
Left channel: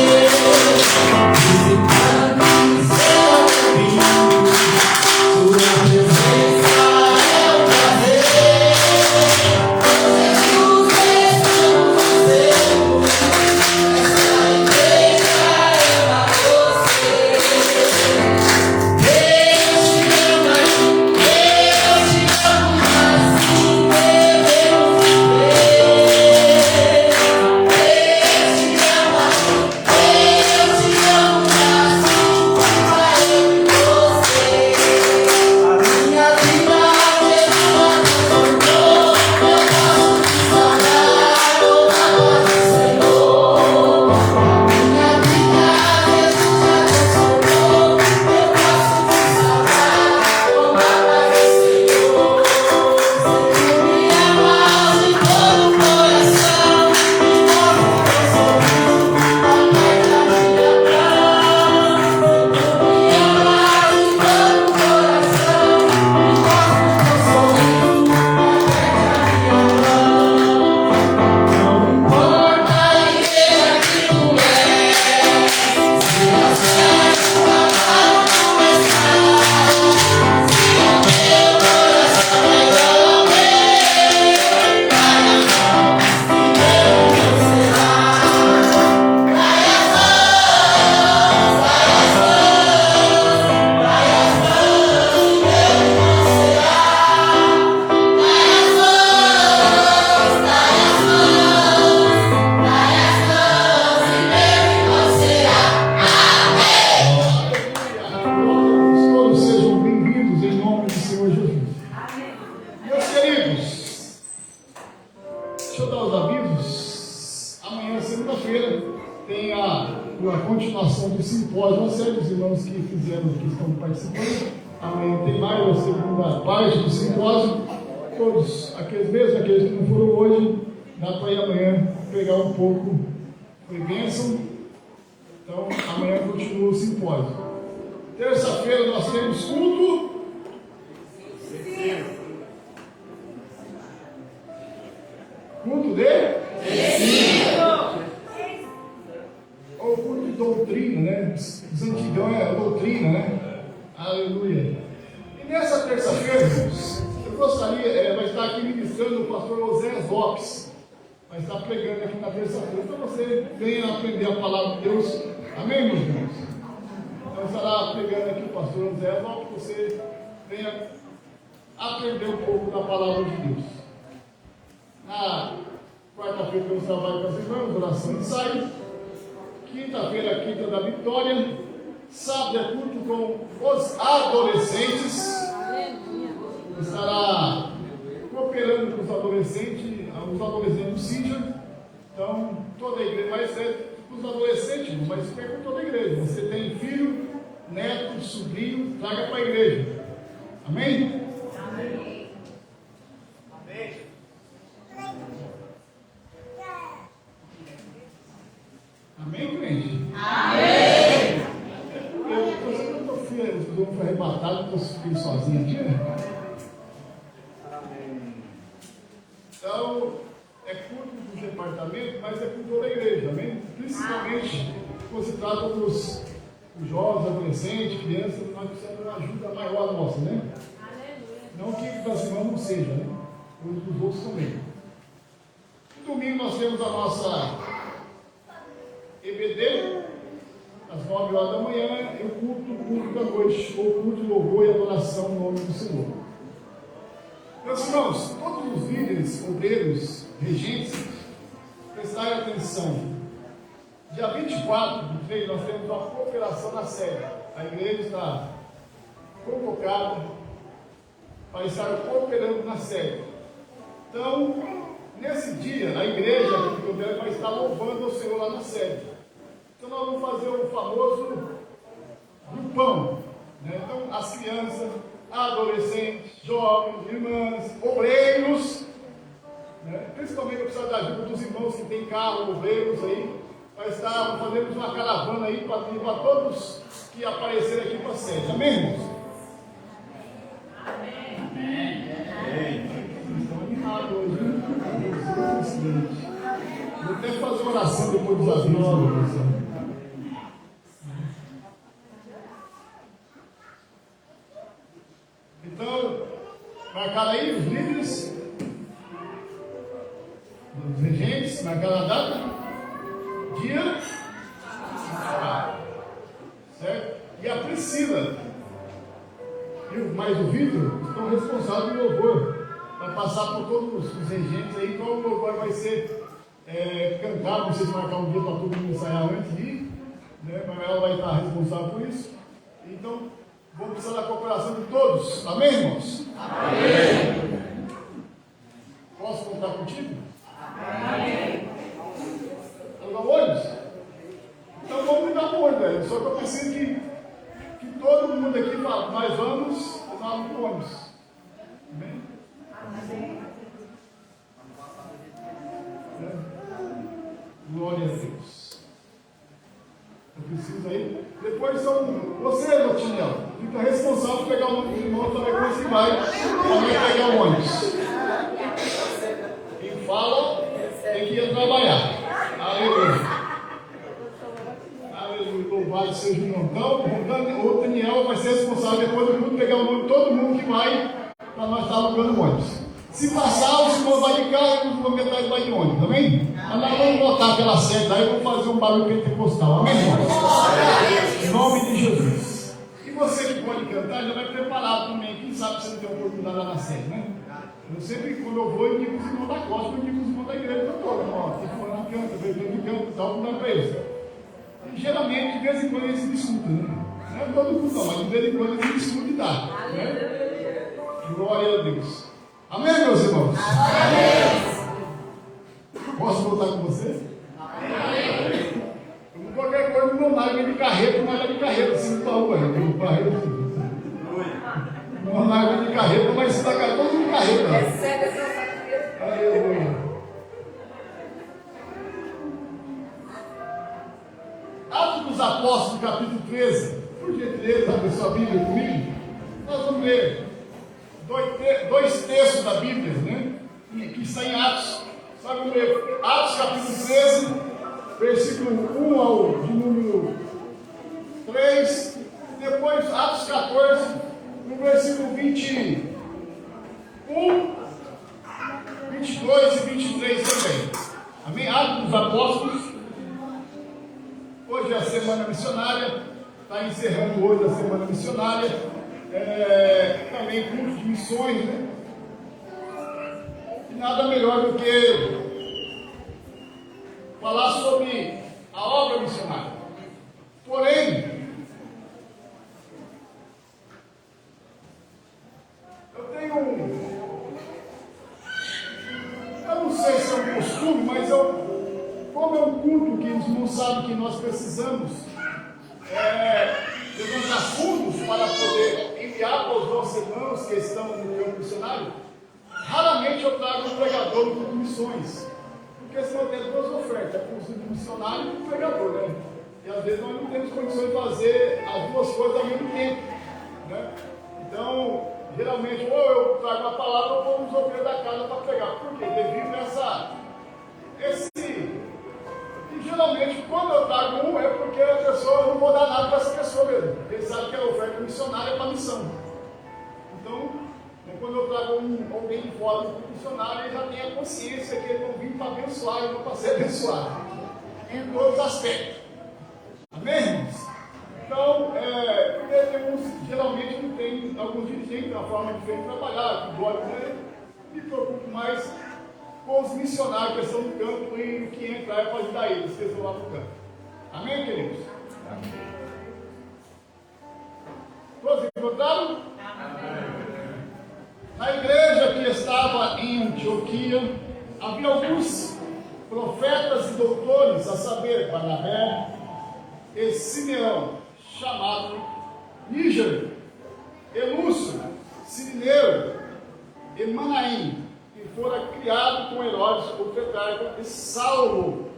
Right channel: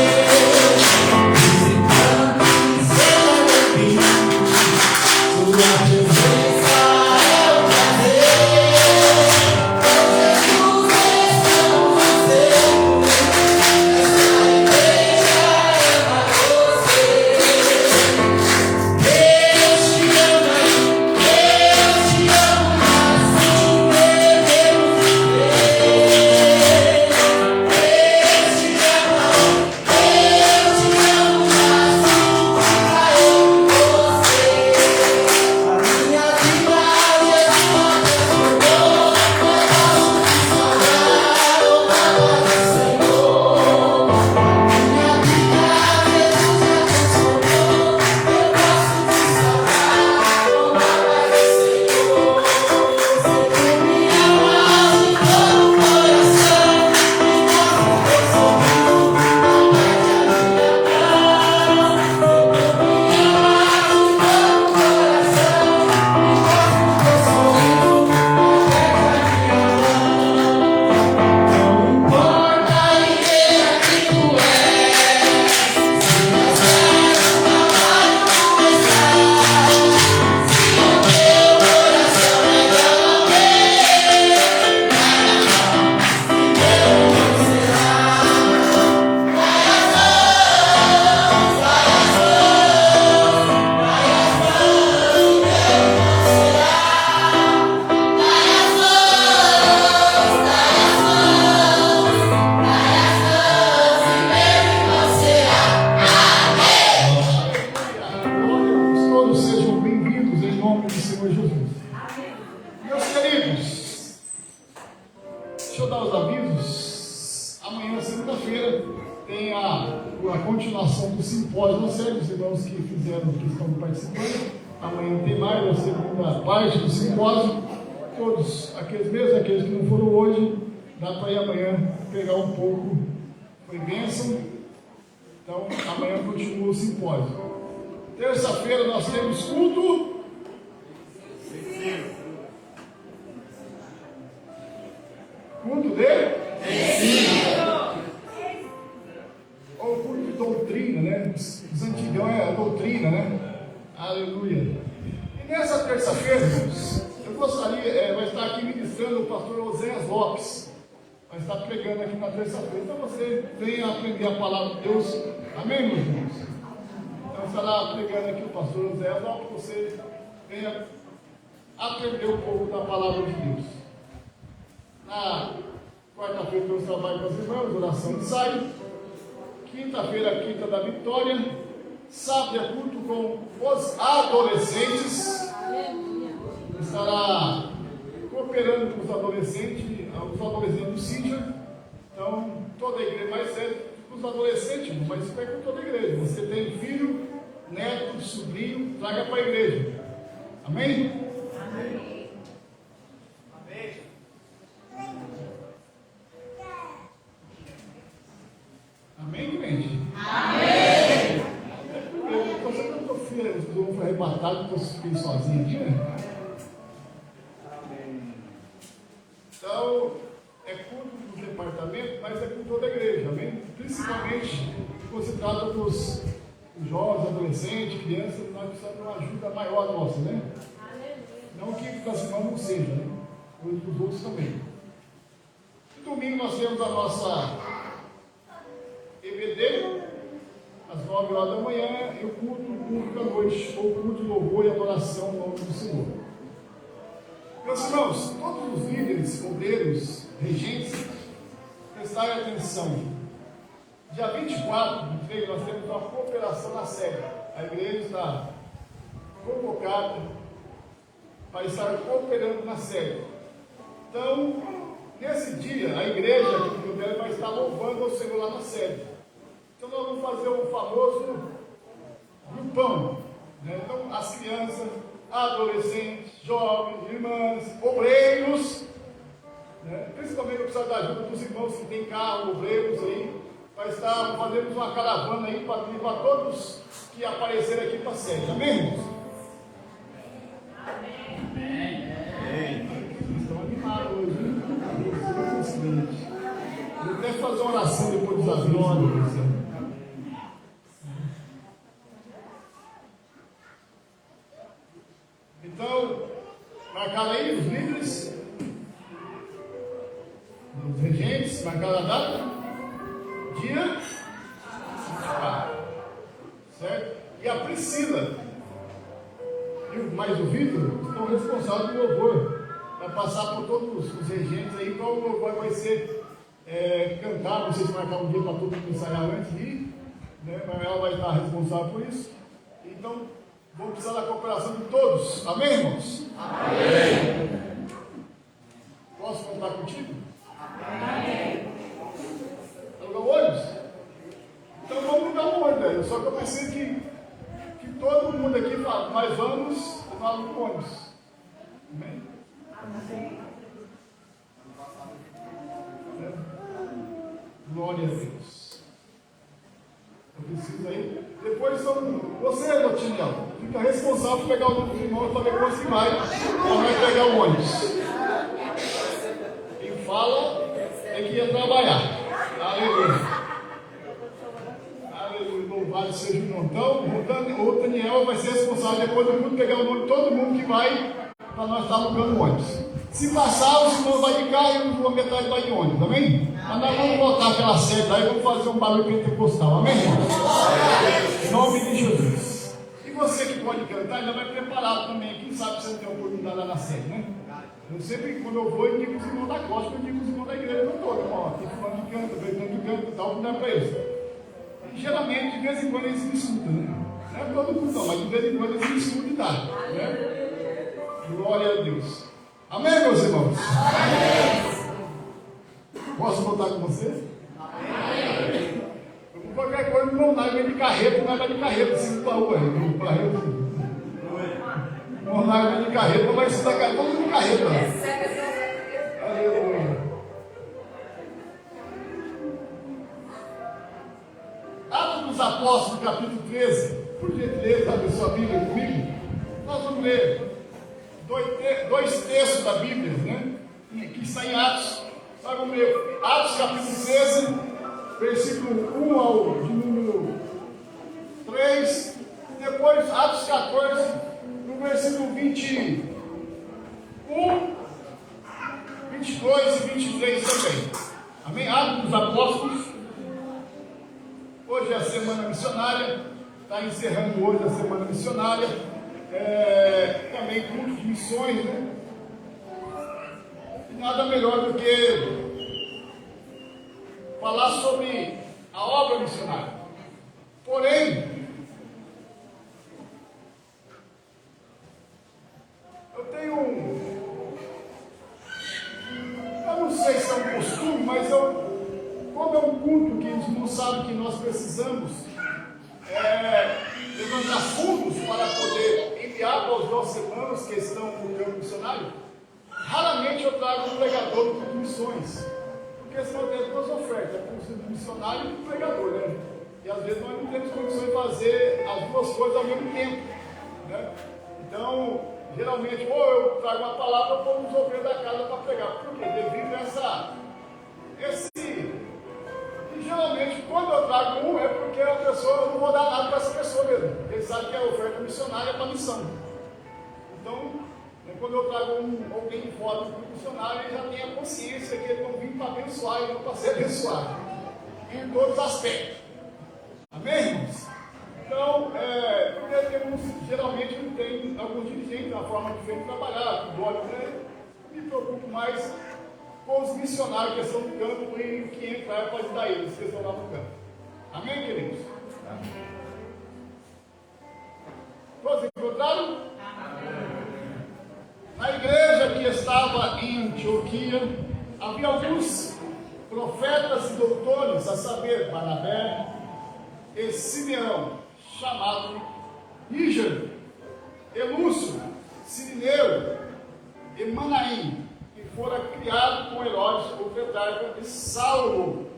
Visitando e seja bem-vindo. Tua presença é um prazer. Jesus, estamos vivendo. Essa igreja ama você. Terça-feira nós temos culto. Culto de? Ou culto de doutrina, né? Os antigão é a doutrina, né? Aleluia. E nessa terça-feira, irmãos, eu gostaria, vai estar aqui ministrando o pastor Oséias Lopes. Vai estar pregando aqui na terça-feira. Então você venha aprender a palavra de Deus. Amém, meus irmãos? Então estará pregando aqui o pastor Oséias Lopes, que você venha aprender um pouco da palavra de Deus. Na quarta-feira eu trabalho com as irmãs, oração e ensaio. Quinta-feira, quinta da vitória. Sábado é culto com os adolescentes. Estará cooperando com os adolescentes do Cíntia. Então, toda a igreja vai ser os adolescentes, mas isso é com toda a igreja. Você tem filho, neto, sobrinho, traga para a igreja. Amém? Amém. Amém. Amém, gente? Amém. Eu fui arrebatado porque eu fiquei sozinho aqui, né? Amém. Então, é culto do departamento, mas é culto toda a igreja, amém? Principalmente quando se trata dos jovens, adolescentes, crianças, nós precisamos de uma ajuda maior nossa, né? Não que das irmãs não seja, né? e os outros também. No domingo nós temos a nossa EBD, às 9 horas da manhã, e o culto da noite, ou culto de louvor e adoração no nome do Senhor. Meus irmãos, todos os líderes, obreiros, regentes, prestarem atenção. Dia 24 de 3, nós temos uma cooperação na sede. A igreja está convocada para estar cooperando na sede. Então, nesse dia, a igreja vai estar louvando ao Senhor lá na sede. Então, nós vamos fazer um famoso grupão. Né? Então, as crianças, adolescentes, jovens, irmãs, obreiros, né? Principalmente eu preciso da ajuda dos irmãos que têm carro, obreiros aí, vai estar fazendo uma caravana aí para levar todos que aparecerem aqui para a sede. Amém, irmãos? Estão animados hoje, hein? Eu vou ter que fazer uma oração depois dos avisos. Então, marcar aí os líderes, os regentes, marcar a data, dia, certo? E a Priscila e mais o Vitor estão responsáveis pelo louvor, para passar por todos os regentes aí, qual o louvor vai ser cantar, vocês marcar um dia para todo mundo ensaiar antes de ir, né? Mas ela vai estar responsável por isso. Então, vamos precisar da cooperação de todos. Amém, irmãos? Amém. Posso contar contigo? Amém. Alugar ônibus? Então vamos ligar o ônibus, velho. Só que eu preciso que todo mundo aqui fale, nós vamos tomar um ônibus. Amém? Amém. Glória a Deus. Eu preciso aí. Depois você, Lotinel, fica responsável por pegar o ônibus de irmão também quando você vai pegar o ônibus. Quem fala tem que ir trabalhar. Aleluia. Aleluia. Louvado seja o montão. O Daniel vai ser responsável depois do mundo pegar o ônibus, todo mundo que vai para nós estar pegando o ônibus. Se passar, os irmãos vão de carro e os metade vai de ônibus, amém? Mas nós vamos voltar pela seta aí, vamos fazer um barulho pentecostal, amém, irmãos? Em nome de Jesus. E você que pode cantar, já vai preparado também. Quem sabe você não tem oportunidade lá na sede, né? Eu sempre, quando eu vou, eu indico os irmãos da costa, eu indico os irmãos da igreja toda. Ó, tem fulano que canta, tem que canta, dá um lugar para eles. E geralmente, de vez em quando, eles me escutam, né? Não é todo mundo, não, mas de vez em quando eles me escutam e dá, né? Glória a Deus. Amém, meus irmãos? Amém. Posso voltar com você? Amém. Qualquer coisa, não nada de carreta, nada de carreta, assim, da rua, não nada de carreta, mas você está todo mundo carreta. Aleluia. Atos dos Apóstolos, capítulo 13. Por gentileza, abre sua Bíblia comigo. Nós vamos ler dois textos da Bíblia, né? Que está em Atos. Sabe ler Atos capítulo 13, versículo 1 ao de número 3, e depois Atos 14, no versículo 21, 22 e 23 também. Amém? Atos dos Apóstolos. Hoje é a semana missionária, está encerrando hoje a semana missionária. Também culto de missões, né? E nada melhor do que falar sobre a obra missionária. Porém, eu não sei se é um costume, mas como é um culto que eles não sabem que nós precisamos levantar fundos para poder enviar para os nossos irmãos que estão no campo missionário, raramente eu trago um pregador do culto de missões, porque senão eu tenho duas ofertas, o missionário e o pregador, né? E às vezes nós não temos condições de fazer as duas coisas ao mesmo tempo, né? Então, geralmente, ou eu trago a palavra ou vou nos obreiros da casa para pregar. Por quê? Devido a E geralmente, quando eu trago um, é porque a pessoa, eu não vou dar nada para essa pessoa mesmo. Ele sabe que a oferta missionária é para a missão. Então, quando eu trago alguém de fora como missionário, ele já tem a consciência que ele não vim para abençoar, ele não para ser abençoado, em todos os aspectos. Amém, irmãos? Então, geralmente não tem alguns dirigentes, uma forma diferente de trabalhar, que gosta, né? Me preocupo mais com os missionários que estão no campo e que entrar para ajudar eles, que estão lá no campo. Amém, queridos? Todos encontraram? Na igreja que estava em Antioquia, havia alguns profetas e doutores, a saber, Barnabé e Simeão, chamado Níger, Elúcio, Sirineu e Manaim, que fora criado com Herodes, o tetrarca, e Saulo.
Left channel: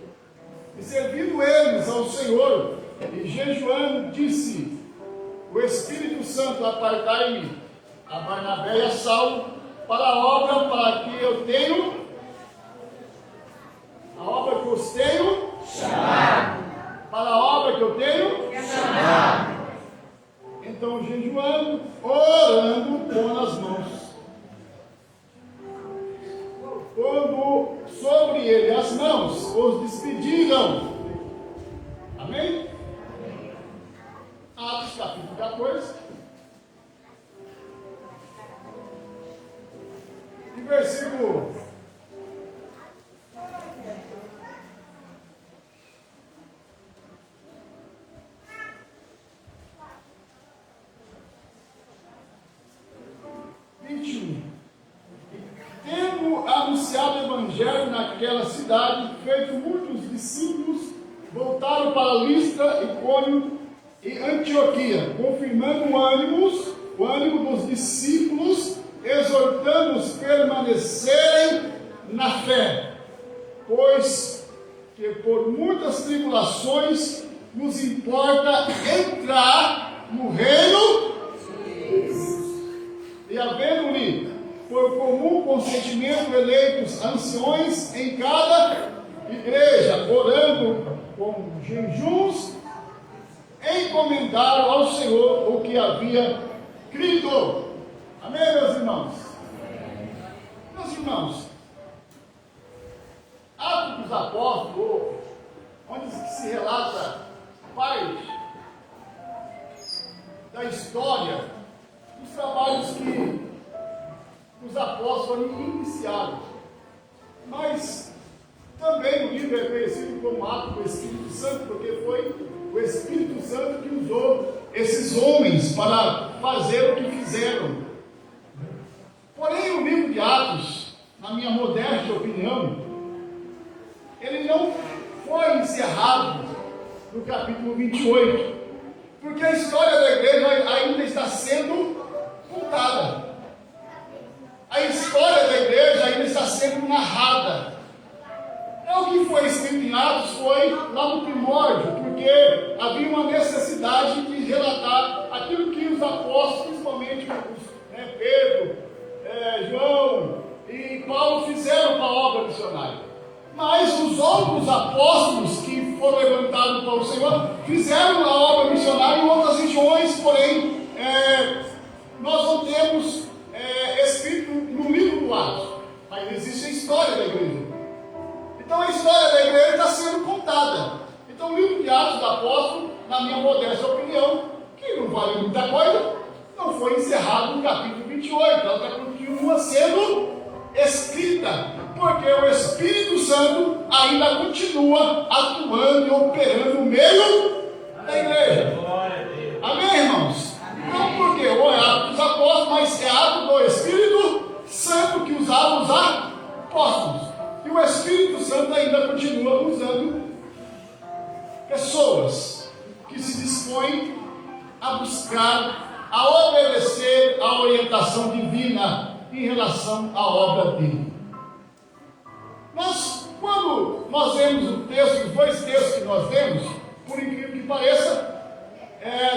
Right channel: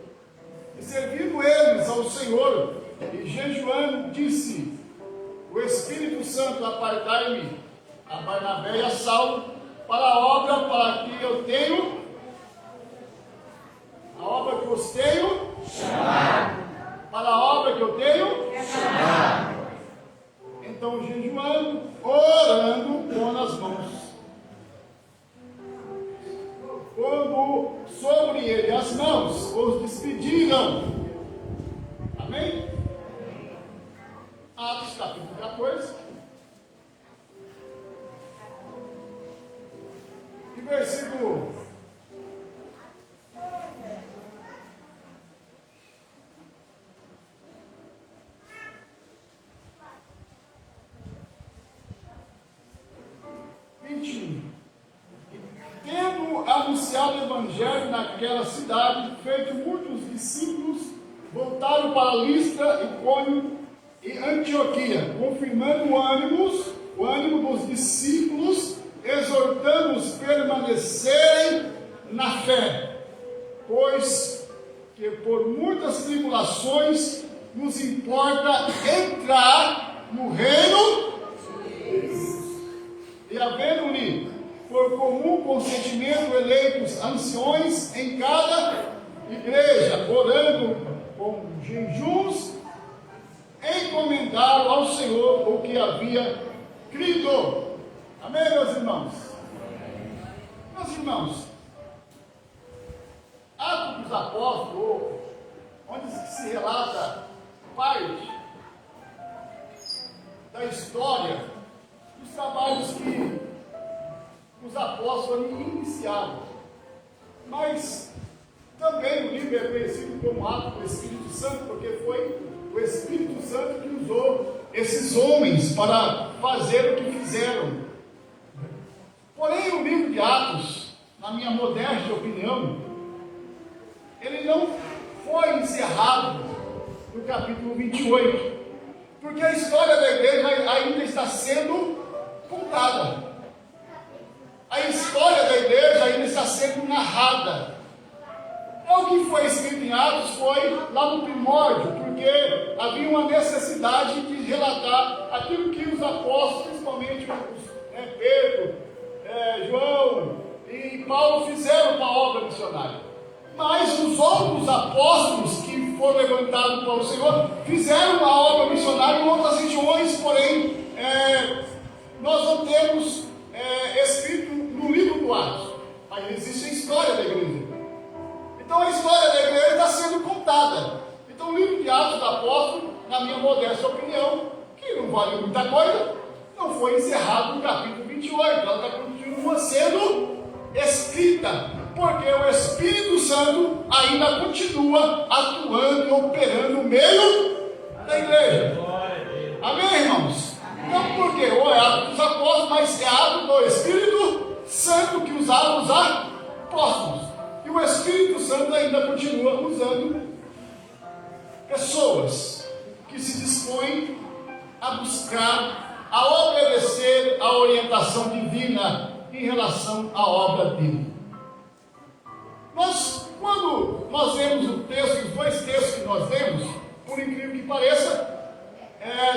E servindo eles ao Senhor, e jejuando, disse: o Espírito Santo, apartai-me a Barnabé e a Saulo para a obra para que eu tenho, a obra que eu os tenho chamado. Para a obra que eu tenho chamado. Então, jejuando, orando, pondo as mãos. Quando sobre ele as mãos, os despediram. Amém? Atos capítulo 14. E versículo 21. Tendo anunciado o evangelho naquela cidade, feito muitos discípulos, voltaram para Listra, Icônio e Antioquia, confirmando o ânimo dos discípulos, exortando-os a permanecerem na fé, pois que por muitas tribulações nos importa entrar no reino de Deus. E havendo-lhe por comum consentimento eleitos anciões em cada igreja, orando com jejuns, encomendaram ao Senhor o que havia crido. Amém, meus irmãos? Meus irmãos, Atos dos Apóstolos, onde se relata parte da história dos trabalhos que os apóstolos iniciaram. Mas também o livro é conhecido como Atos do Espírito Santo, porque foi o Espírito Santo que usou esses homens para fazer o que fizeram. Porém, o livro de Atos, na minha modesta opinião, ele não foi encerrado no capítulo 28, porque a história da igreja ainda está sendo contada. A história da igreja ainda está sendo narrada. O que foi escrito em Atos foi lá no primórdio, porque havia uma necessidade de relatar aquilo que os apóstolos, principalmente Pedro, João e Paulo, fizeram para a obra missionária. Mas os outros apóstolos que foram levantados pelo Senhor fizeram a obra missionária em outras regiões, porém nós não temos escrito no livro do Atos. Aí existe a história da igreja. Então a história da igreja está sendo contada. Então o livro de Atos do Apóstolo, na minha modesta opinião, que não vale muita coisa, não foi encerrado no capítulo 28. Ela continua sendo escrita, porque o Espírito Santo ainda continua atuando e operando no meio da igreja. Amém, irmãos? Não porque é Atos dos Apóstolos, mas é ato do Espírito Santo que usava os apóstolos. E o Espírito Santo ainda continua usando pessoas que se dispõem a buscar, a obedecer a orientação divina em relação à obra dele. Mas, quando nós vemos o texto, os dois textos que nós vemos, por incrível que pareça,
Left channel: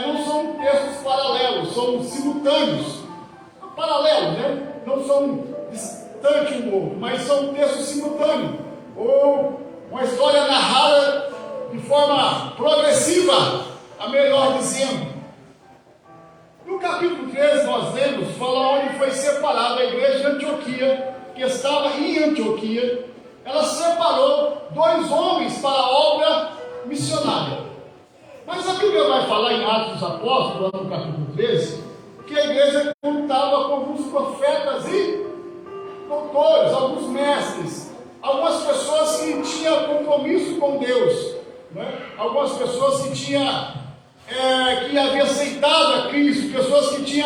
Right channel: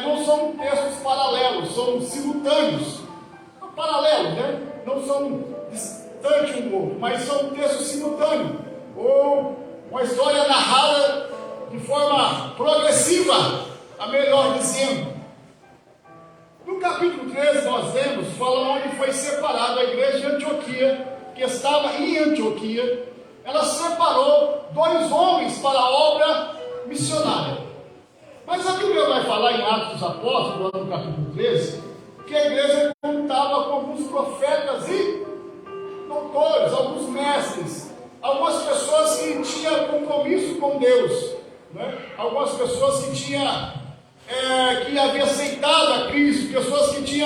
não são textos paralelos, são simultâneos. Paralelos, né? Não são distantes um do outro, mas são textos simultâneos. Ou uma história narrada de forma progressiva, a melhor dizendo. No capítulo 13 nós lemos, fala onde foi separada a igreja de Antioquia, que estava em Antioquia. Ela separou 2 homens para a obra missionária. Mas a Bíblia vai falar em Atos dos Apóstolos, no capítulo 13, que a igreja contava com alguns profetas e doutores, alguns mestres, algumas pessoas que tinham compromisso com Deus, né? Algumas pessoas que haviam aceitado a Cristo, pessoas que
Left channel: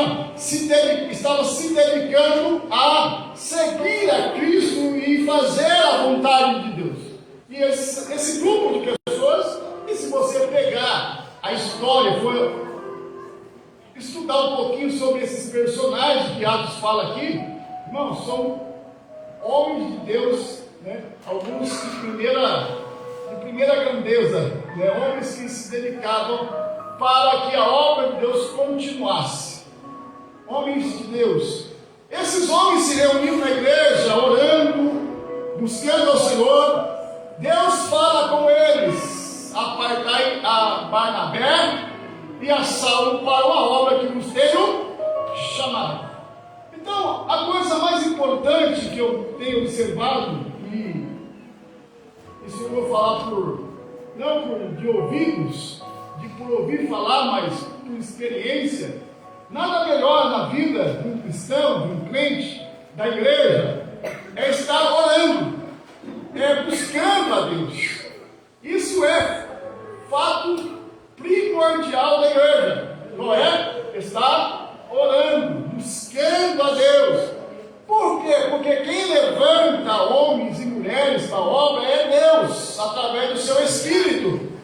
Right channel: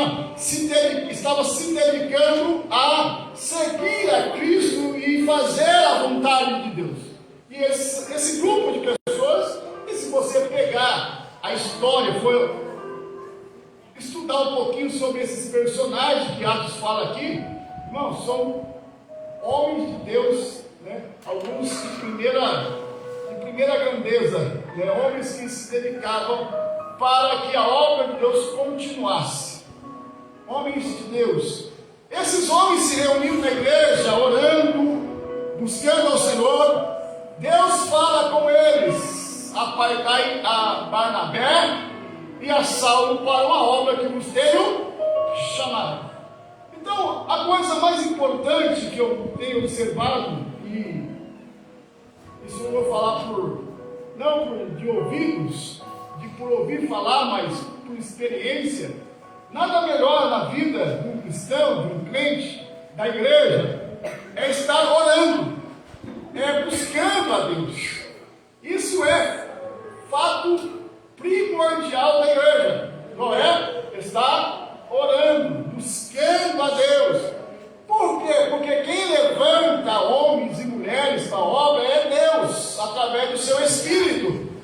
estavam se dedicando a seguir a Cristo e fazer a vontade de Deus. E esse grupo de pessoas, e se você pegar a história, for estudar um pouquinho sobre esses personagens que Atos fala aqui, irmãos, são homens de Deus, né? Alguns de primeira grandeza, né? Homens que se dedicavam para que a obra de Deus continuasse. Homens de Deus. Esses homens se reuniam na igreja, orando, buscando ao Senhor. Deus fala com eles: apartai a Barnabé e a Saulo para uma obra que vos tenho chamado. Então, a coisa mais importante que eu tenho observado, e isso eu vou falar não de ouvidos, por ouvir falar, mas por experiência, nada melhor na vida de um cristão, de um crente, da igreja, é estar orando, é buscando a Deus. Isso é fato primordial da igreja, não é? Estar orando, buscando a Deus. Por quê? Porque quem levanta homens e mulheres para a obra é Deus, através do seu Espírito.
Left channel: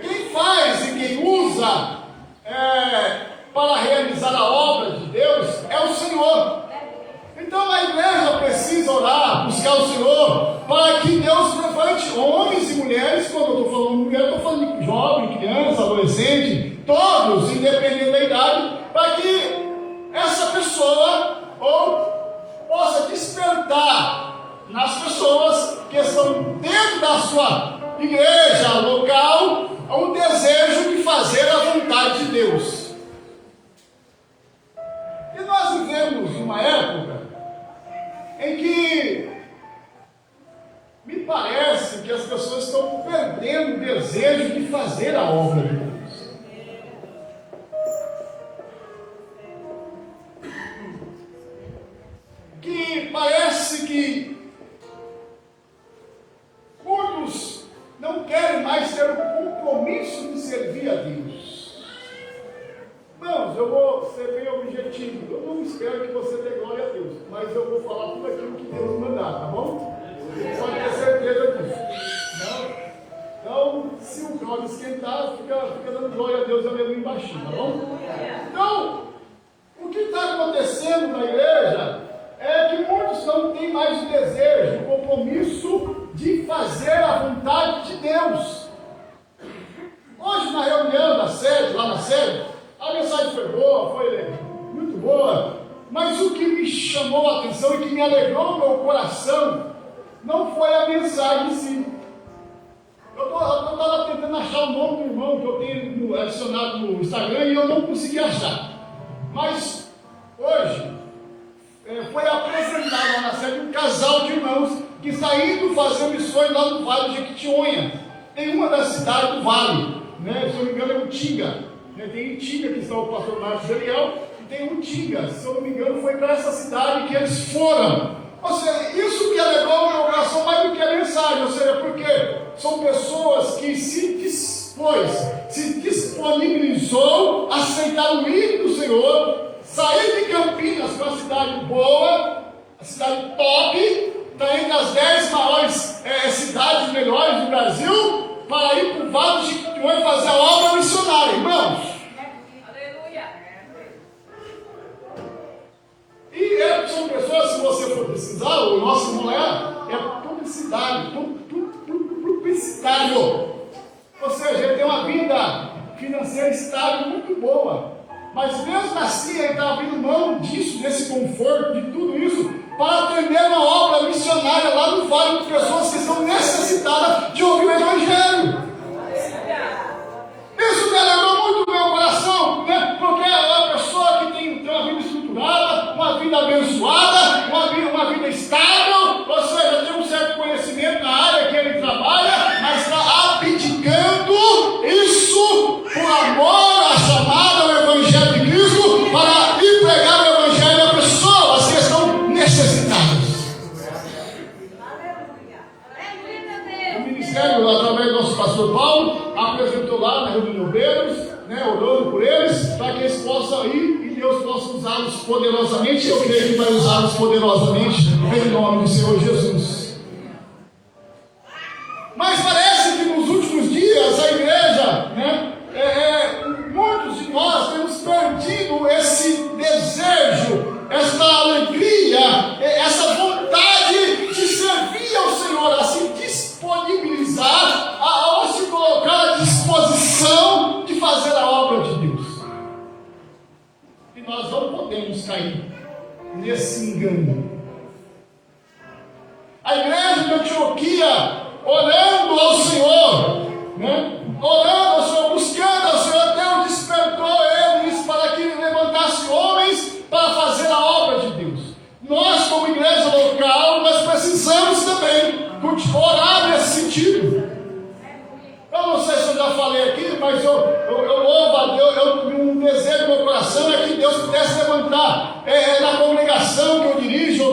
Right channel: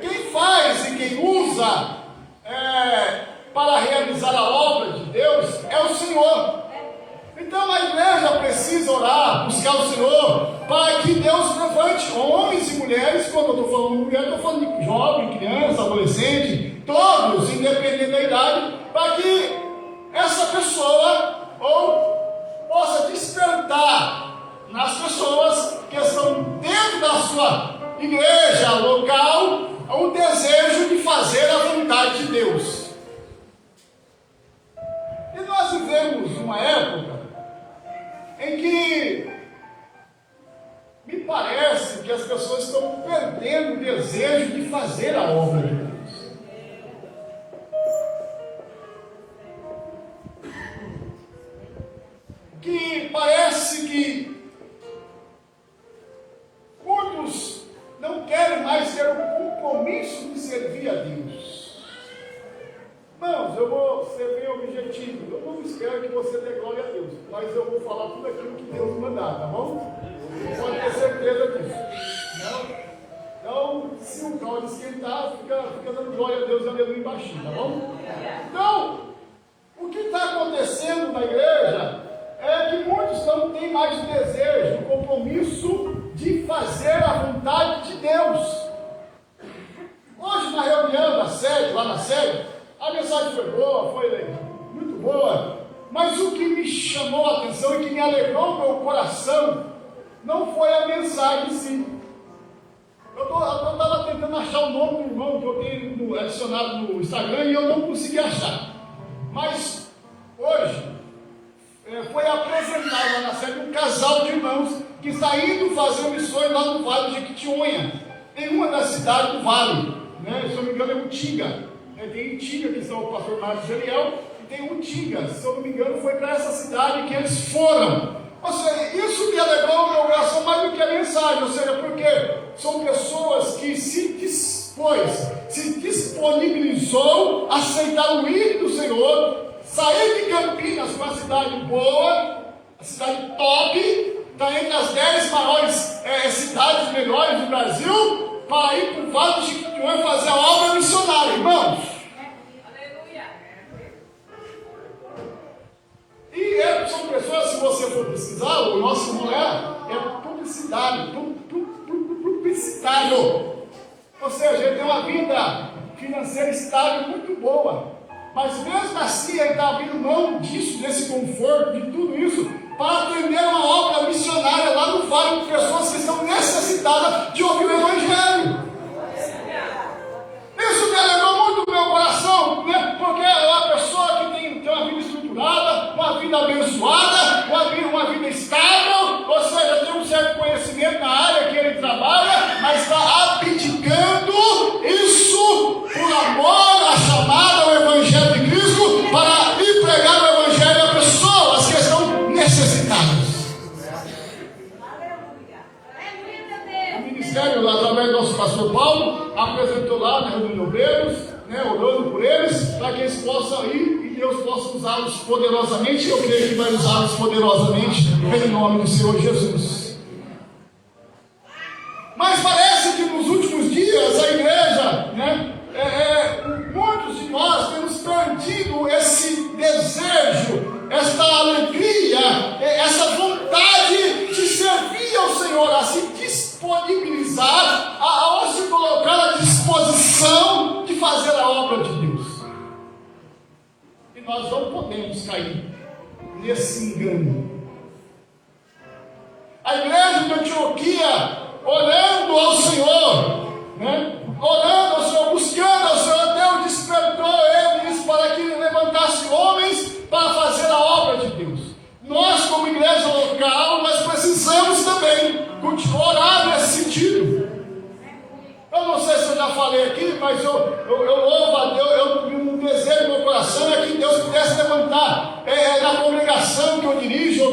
Quem faz e quem usa para realizar a obra de Deus é o Senhor. Então a igreja precisa orar, buscar o Senhor, para que Deus levante homens e mulheres. Quando eu estou falando de mulher, estou falando de jovem, criança, adolescente, todos, independente da idade, para que essa pessoa possa despertar nas pessoas que estão dentro da sua igreja local o desejo de fazer a vontade de Deus. E nós vivemos uma época em que me parece que as pessoas estão perdendo o desejo de fazer a obra de Deus. Que parece que muitos não querem mais ter o compromisso de servir a Deus. Irmãos, eu vou ser bem objetivo. Eu não espero que você dê glória a Deus, mas eu vou falar tudo aquilo que Deus mandar, tá bom? Você pode ter certeza disso. Não? Então, se o caldo esquentar, fica dando glória a Deus, aleluia, baixinho, tá bom? Então, o que está acontecendo na igreja é que muitos não têm mais o desejo, o compromisso de fazer a vontade de Deus. Hoje, na reunião da sede, lá na sede, a mensagem foi boa, foi muito boa, mas o que me chamou a atenção e que me alegrou meu coração não foi a mensagem em si. Eu estava tentando achar o nome do irmão que eu tenho adicionado no Instagram e eu não consegui achar. Mas hoje foi apresentado lá na sede um casal de irmãos que está indo fazer missões lá no Vale de Jequitinhonha, em uma das cidades do Vale, né? Se eu não me engano é Utinga, né? Tem Utinga que está o pastor Marcos Ariel, e tem Utinga, se eu não me engano foi para essa cidade que eles foram. Ou seja, isso me alegrou o meu coração mais do que a mensagem, ou seja, porque são pessoas que se disponibilizou a aceitar o hino do Senhor, sair de Campinas para uma cidade boa, a cidade top, está entre as 10 maiores cidades melhores do Brasil, para ir para o Vale de Jequitinhonha fazer a obra missionária, irmãos. Aleluia. E são pessoas, se você for pesquisar, o nosso não é publicidade, publicitário. Ou seja, ele tem uma vida financeira estável muito boa. Mas mesmo assim, ele está abrindo mão disso, desse conforto, de tudo isso, para atender uma obra missionária lá no Vale de pessoas que estão necessitadas de ouvir o Evangelho. Isso me alegrou muito o meu coração, né? Porque a pessoa que tem ministério, através do nosso pastor Paulo, apresentou lá, né, os obreiros, né, orando por eles, para que eles possam ir e Deus possa usá-los poderosamente. Eu creio que vai usá-los poderosamente, em nome do Senhor Jesus. Mas parece que nos últimos dias a igreja, né, muitos de nós temos perdido esse desejo, essa alegria, essa vontade de servir ao Senhor, a se disponibilizar, a se colocar à disposição de fazer a obra de Deus. E nós não podemos cair nesse engano. A igreja de Antioquia, orando ao Senhor, né? Orando ao Senhor, buscando ao Senhor, Deus despertou eles para que levantasse homens para fazer a obra de Deus. Nós, como igreja local, nós precisamos também orar nesse sentido. Eu não sei se eu já falei aqui, mas eu louvo a Deus, um desejo do meu coração é que Deus pudesse levantar na congregação que eu dirijo,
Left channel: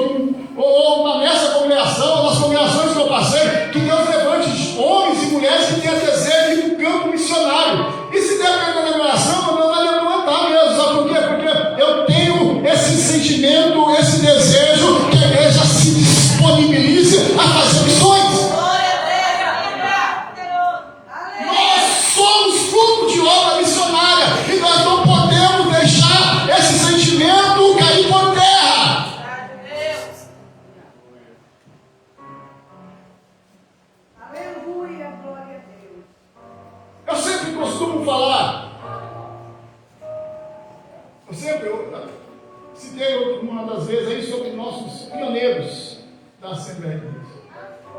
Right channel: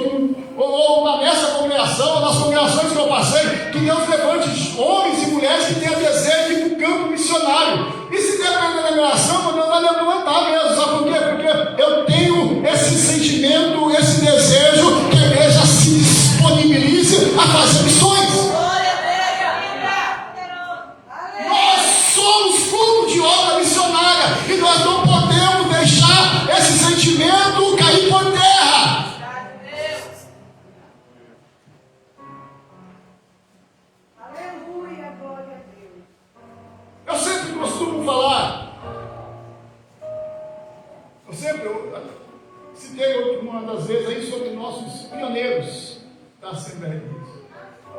ou nessa congregação, nas congregações que eu passei, que Deus levante homens e mulheres que tenham desejo de ir para o campo missionário. E se depender da congregação, não vai levantar mesmo. Sabe por quê? Porque eu tenho esse sentimento, esse desejo que a igreja se disponibilize a fazer missões. Nós somos fruto de obra missionária e nós não podemos deixar esse sentimento cair por terra. Aleluia, glória a Deus. Eu sempre costumo falar, eu citei uma das vezes aí sobre nossos pioneiros da Assembleia de Deus.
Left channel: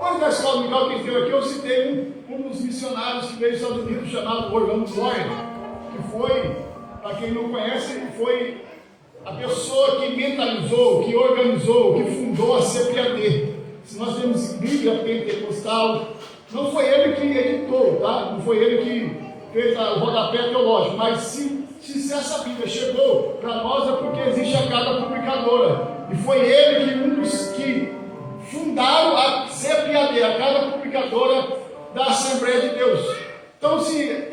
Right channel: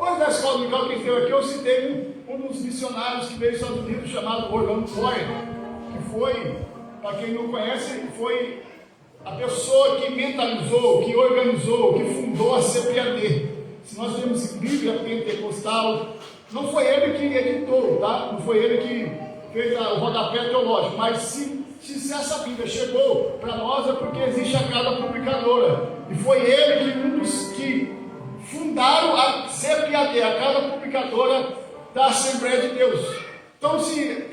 Hoje na escola dominical, quem esteve aqui, eu citei um dos missionários que veio dos Estados Unidos, chamado Orlando Floyd, que foi, para quem não conhece, foi a pessoa que mentalizou, que organizou, que fundou a CPAD. Se nós temos Bíblia Pentecostal, não foi ele que editou, tá? Não foi ele que fez o rodapé teológico, mas se essa Bíblia chegou para nós é porque existe a cada publicadora. E foi ele que um dos que fundaram a CPAD, a cada publicadora da Assembleia de Deus. Então, se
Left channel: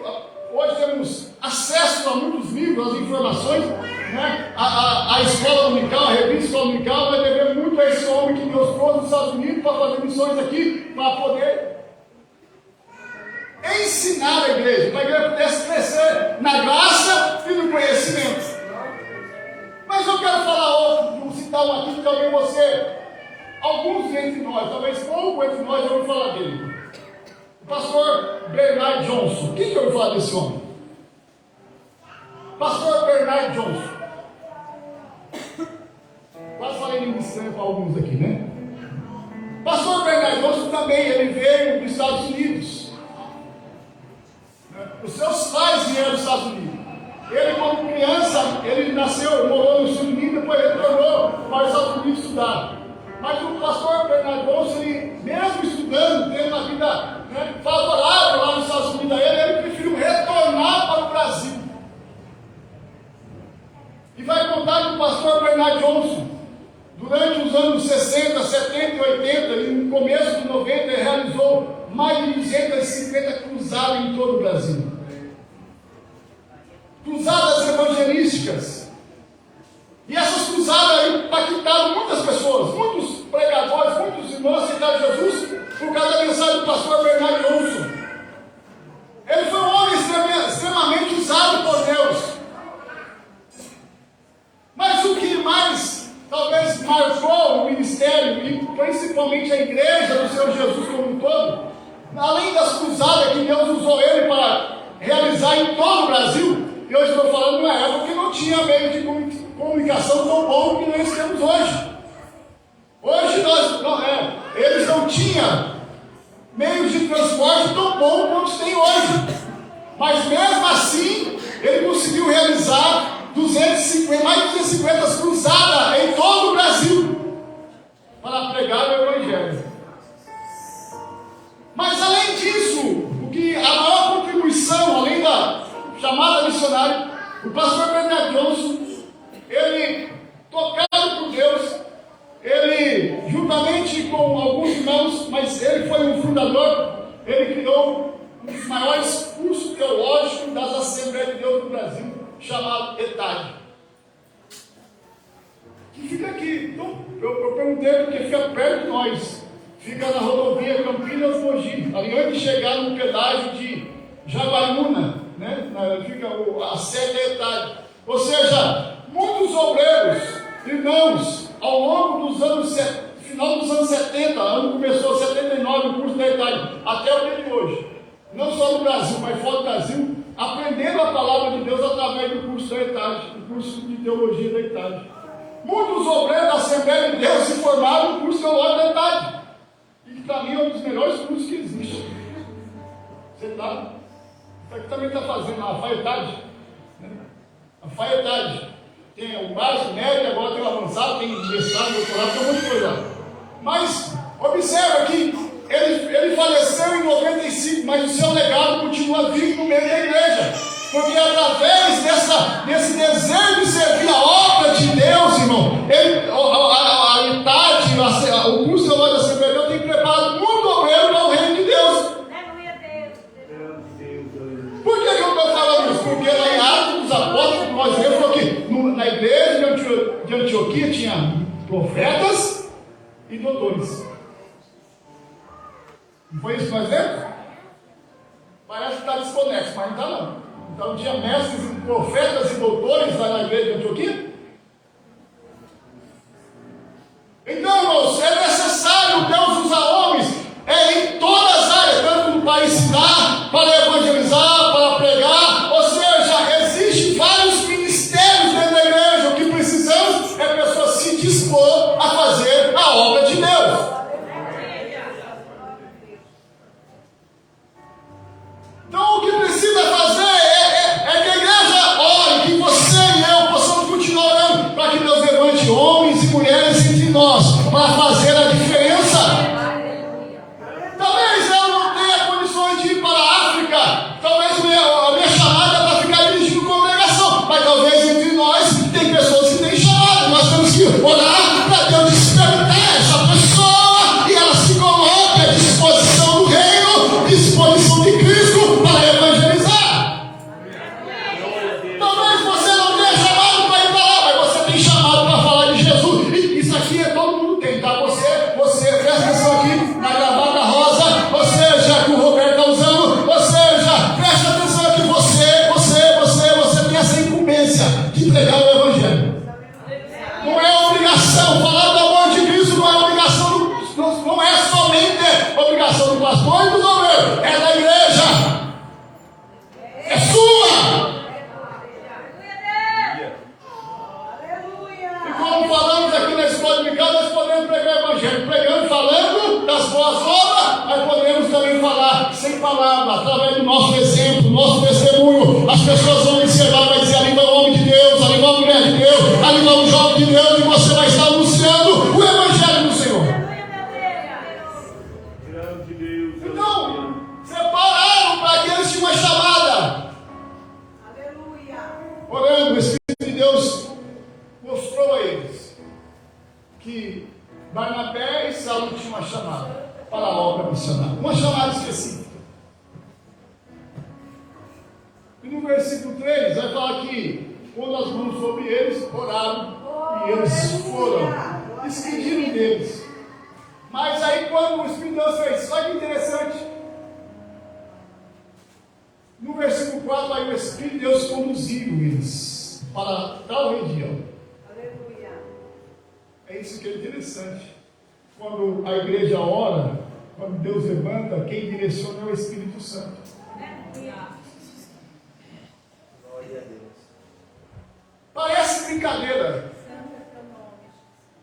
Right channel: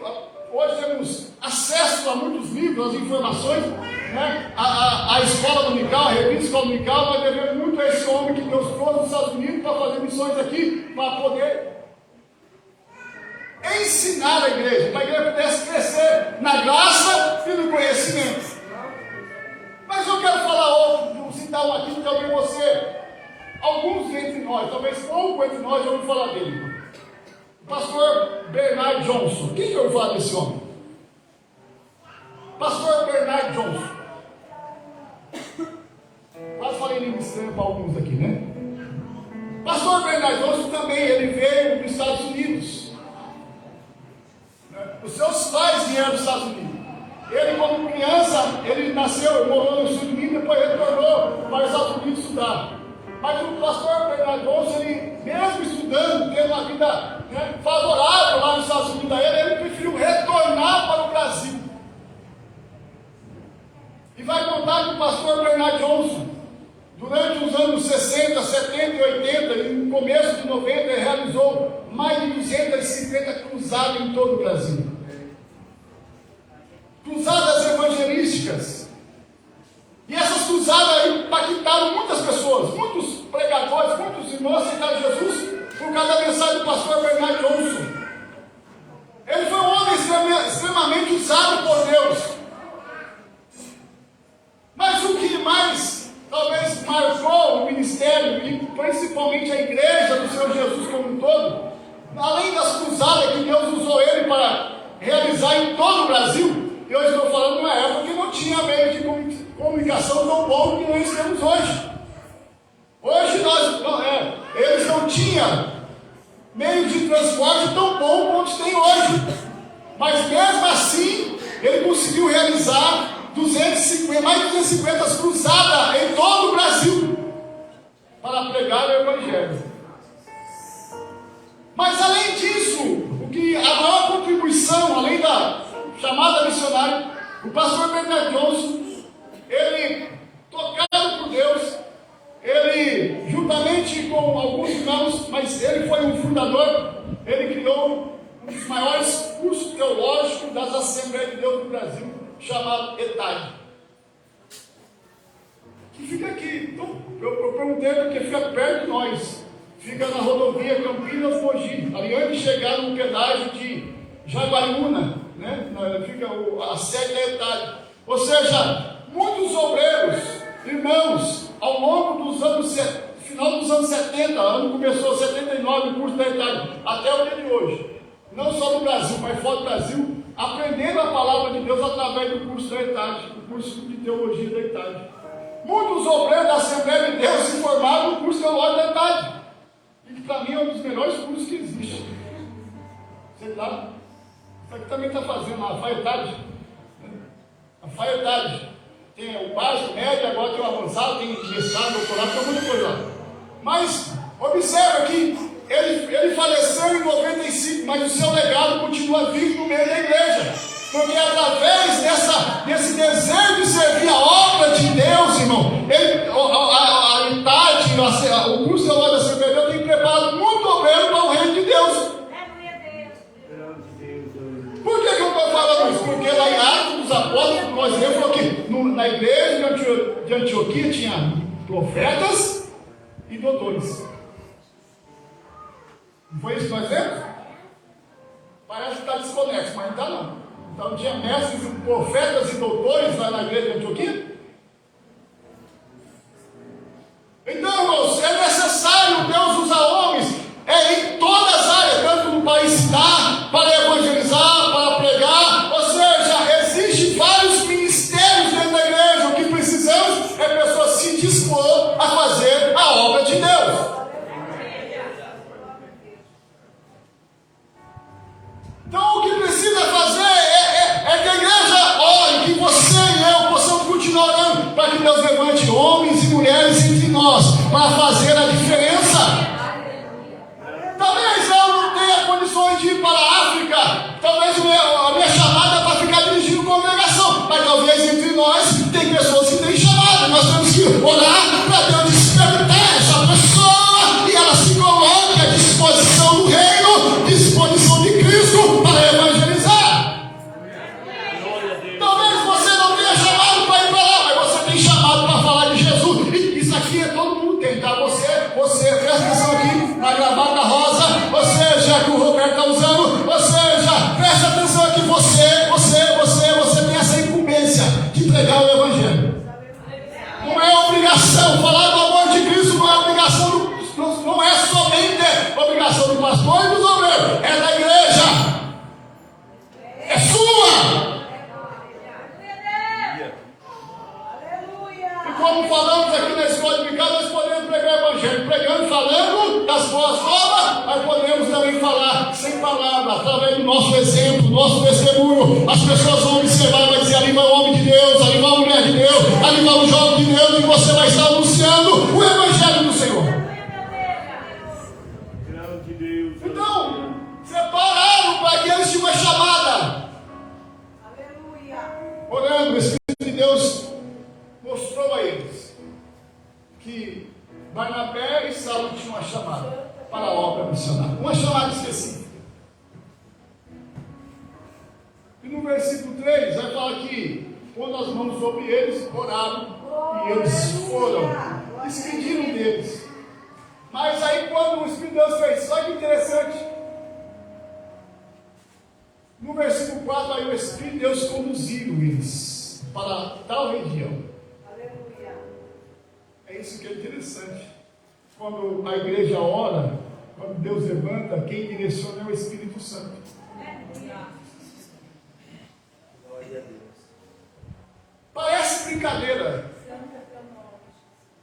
hoje temos acesso a muitos livros, as informações, né? A escola dominical, a revista Escola Dominical, vai dever muito a esse homem que Deus trouxe dos Estados Unidos para fazer missões aqui, para poder ensinar a igreja, para a igreja pudesse crescer na graça e no conhecimento. Mas eu quero falar hoje, vou citar um aqui que também alguns entre nós, talvez pouco entre nós, eu vou falar dele. O pastor Bernard Johnson. Quem que eu vou falar desse homem? Pastor Bernard Johnson. Quase falei língua estranha para alguns aqui, né? Pastor Bernard Johnson também, ele veio dos Estados Unidos. Os seus pais vieram dos Estados Unidos. Ele, como criança, ele nasceu, morou nos Estados Unidos, depois retornou para os Estados Unidos estudar. Mas o pastor Bernard Johnson, ele, mesmo estudando, tendo uma vida, né, favorável lá nos Estados Unidos a ele preferiu retornar para o Brasil. E vai contar que o pastor Bernard Johnson, durante os anos 60, 70 e 80, e no começo de 90, ele realizou mais de 250 cruzadas em todo o Brasil. Cruzadas evangelísticas. E essas cruzadas impactaram muitas pessoas, muitos pregadores, muitos irmãos aceitaram Jesus por causa da mensagem do pastor Bernard Johnson. Ele foi um homem extremamente usado por Deus. Mas o que mais talvez marcou o ministério e principalmente a igreja do Senhor Jesus como um todo, além das cruzadas que Deus usou ele para realizar em todo o Brasil, e hoje estou falando de uma época que não tinha meio de comunicação tão bom que nós temos hoje. Hoje eles não tinham meio de transporte tão bom quanto tem hoje. Mas mesmo assim, ele conseguiu realizar mais de 250 cruzadas em todo o Brasil para pregar o Evangelho. Mas além disso, a maior contribuição, além da chamada missionária, o pastor Bernard Johnson, ele, tocado por Deus, ele, juntamente com alguns irmãos, mas ele foi um fundador, ele criou um dos maiores cursos teológicos das Assembleias de Deus do Brasil, chamado ETAD, que fica aqui. Então, eu perguntei porque fica perto de nós, fica na rodovia Campinas-Mogi, ali antes de chegar no pedágio de Jaguariúna, né? Fica a sede da ETAD. Ou seja, muitos obreiros, irmãos, ao longo dos anos, final dos anos 70, ano começou 79 o curso da ETAD, até o dia de hoje, não só no Brasil, mas fora do Brasil, aprendendo a palavra de Deus através do curso da ETAD, do curso de teologia da ETAD. Muitos obreiros da Assembleia de Deus se formaram no curso teológico da ETAD, e que para mim é um dos melhores cursos que existe. Você está? Isso aqui também está fazendo a FAETAD, né? A FAETAD tem o básico, médio, agora tem o avançado, tem mestrado, doutorado, tem um monte de coisa. Mas observa que ele faleceu em 95, mas o seu legado continua vivo no meio da igreja, porque através desse desejo de servir a obra de Deus, irmão, a ETAD, o curso da obra da Assembleia de Deus tem preparado muito obreiro para o reino de Deus. Por que eu estou falando isso? Porque lá em Atos dos Apóstolos, nós vemos que na igreja de Antioquia tinha profetas e doutores. Não foi isso que nós vemos? Parece que está desconexo, mas não está não. Então tinha mestres, profetas e doutores lá na igreja de Antioquia. Então, irmãos, é necessário Deus usar homens em todas as áreas, tanto no país está, para evangelizar, para pregar, ou seja, existem vários ministérios dentro da igreja. O que precisamos é a pessoa se dispor a fazer a obra de Deus. Então, o que precisa fazer é que a igreja ore, que você e eu possamos continuar orando, para que Deus levante homens e mulheres entre nós, para fazer a diferença. Talvez eu não tenha condições de ir para a África, talvez a minha chamada é para ficar dirigindo congregação, mas talvez entre nós tem pessoas que têm chamada, nós temos que orar para Deus despertar essa pessoa e ela se coloque à disposição do reino, disposição de Cristo para evangelizar. Talvez você não tenha chamado para ir para lá, mas você tem chamado para falar de Jesus. E isso aqui é todo mundo tem, tá? Você presta atenção aqui na gravata rosa, ou seja, que o Roberto está usando, ou seja, presta atenção que você tem essa incumbência de pregar o Evangelho. Não é obrigação, falar do amor de Cristo não é obrigação, não é somente obrigação do pastor e dos obreiros, é da igreja. É sua! E como falamos aqui na escola dominical, nós podemos pregar o Evangelho, pregando, falando das boas obras, mas podemos também falar sem palavra, através do nosso exemplo, do nosso testemunho. As pessoas vão observar, vai dizer: ali vai o homem de Deus, ali vai a mulher de Deus, ali vai o jovem de Deus, e você vai estar anunciando o Evangelho do Senhor. Então, separaram para que eles tinham uma chamada. Orando, o Espírito de Deus mostrou a eles que Barnabé e Saulo tinham uma chamada para a obra missionária, uma chamada específica. E no versículo 3 vai falar que quando as mãos sobre eles, oraram e eles foram, despediram deles. Mas aí quando o Espírito de Deus fez, olha que interessante, no versículo 4 aí o Espírito de Deus conduziu eles para tal região. É isso que é interessante. Quando a igreja ora, quando Deus levanta, quem direciona é o Espírito Santo. Parece brincadeira,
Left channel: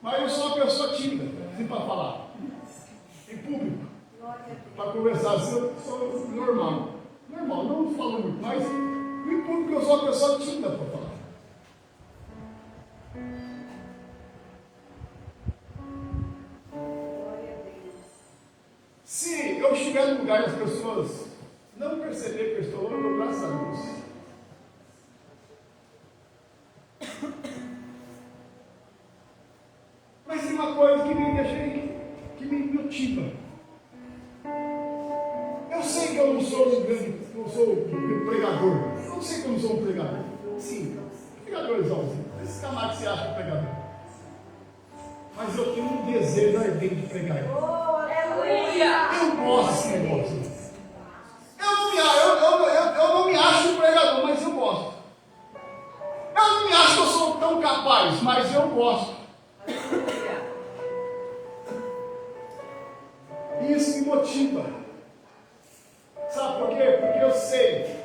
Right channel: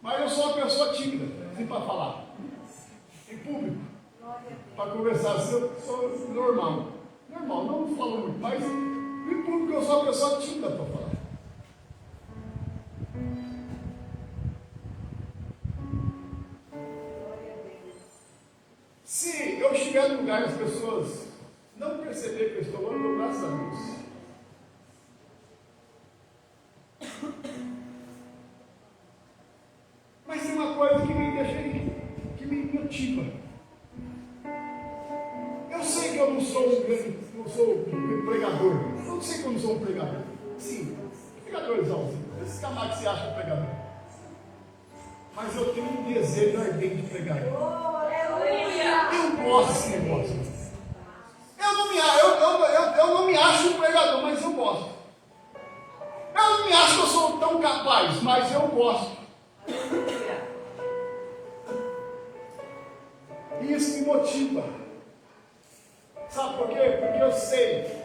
mas eu sou uma pessoa tímida, assim para falar, em público, para conversar assim, eu sou normal, não falo muito, mas em público eu sou uma pessoa tímida para falar. Se eu estiver no lugar e as pessoas não perceber que eu estou orando, graças a Deus. Mas tem uma coisa que me deixa, que me motiva. Eu não sou um pregador. Eu não sei como sou um pregador. Sim, pregadorzãozinho. Esse camarada que você acha pregador. Mas eu tenho um desejo ardente de pregar. Eu gosto desse negócio. Eu não me acho um pregador, mas eu gosto. Eu não me acho que eu sou tão capaz, mas eu gosto. E isso me motiva. Sabe por quê? Porque eu sei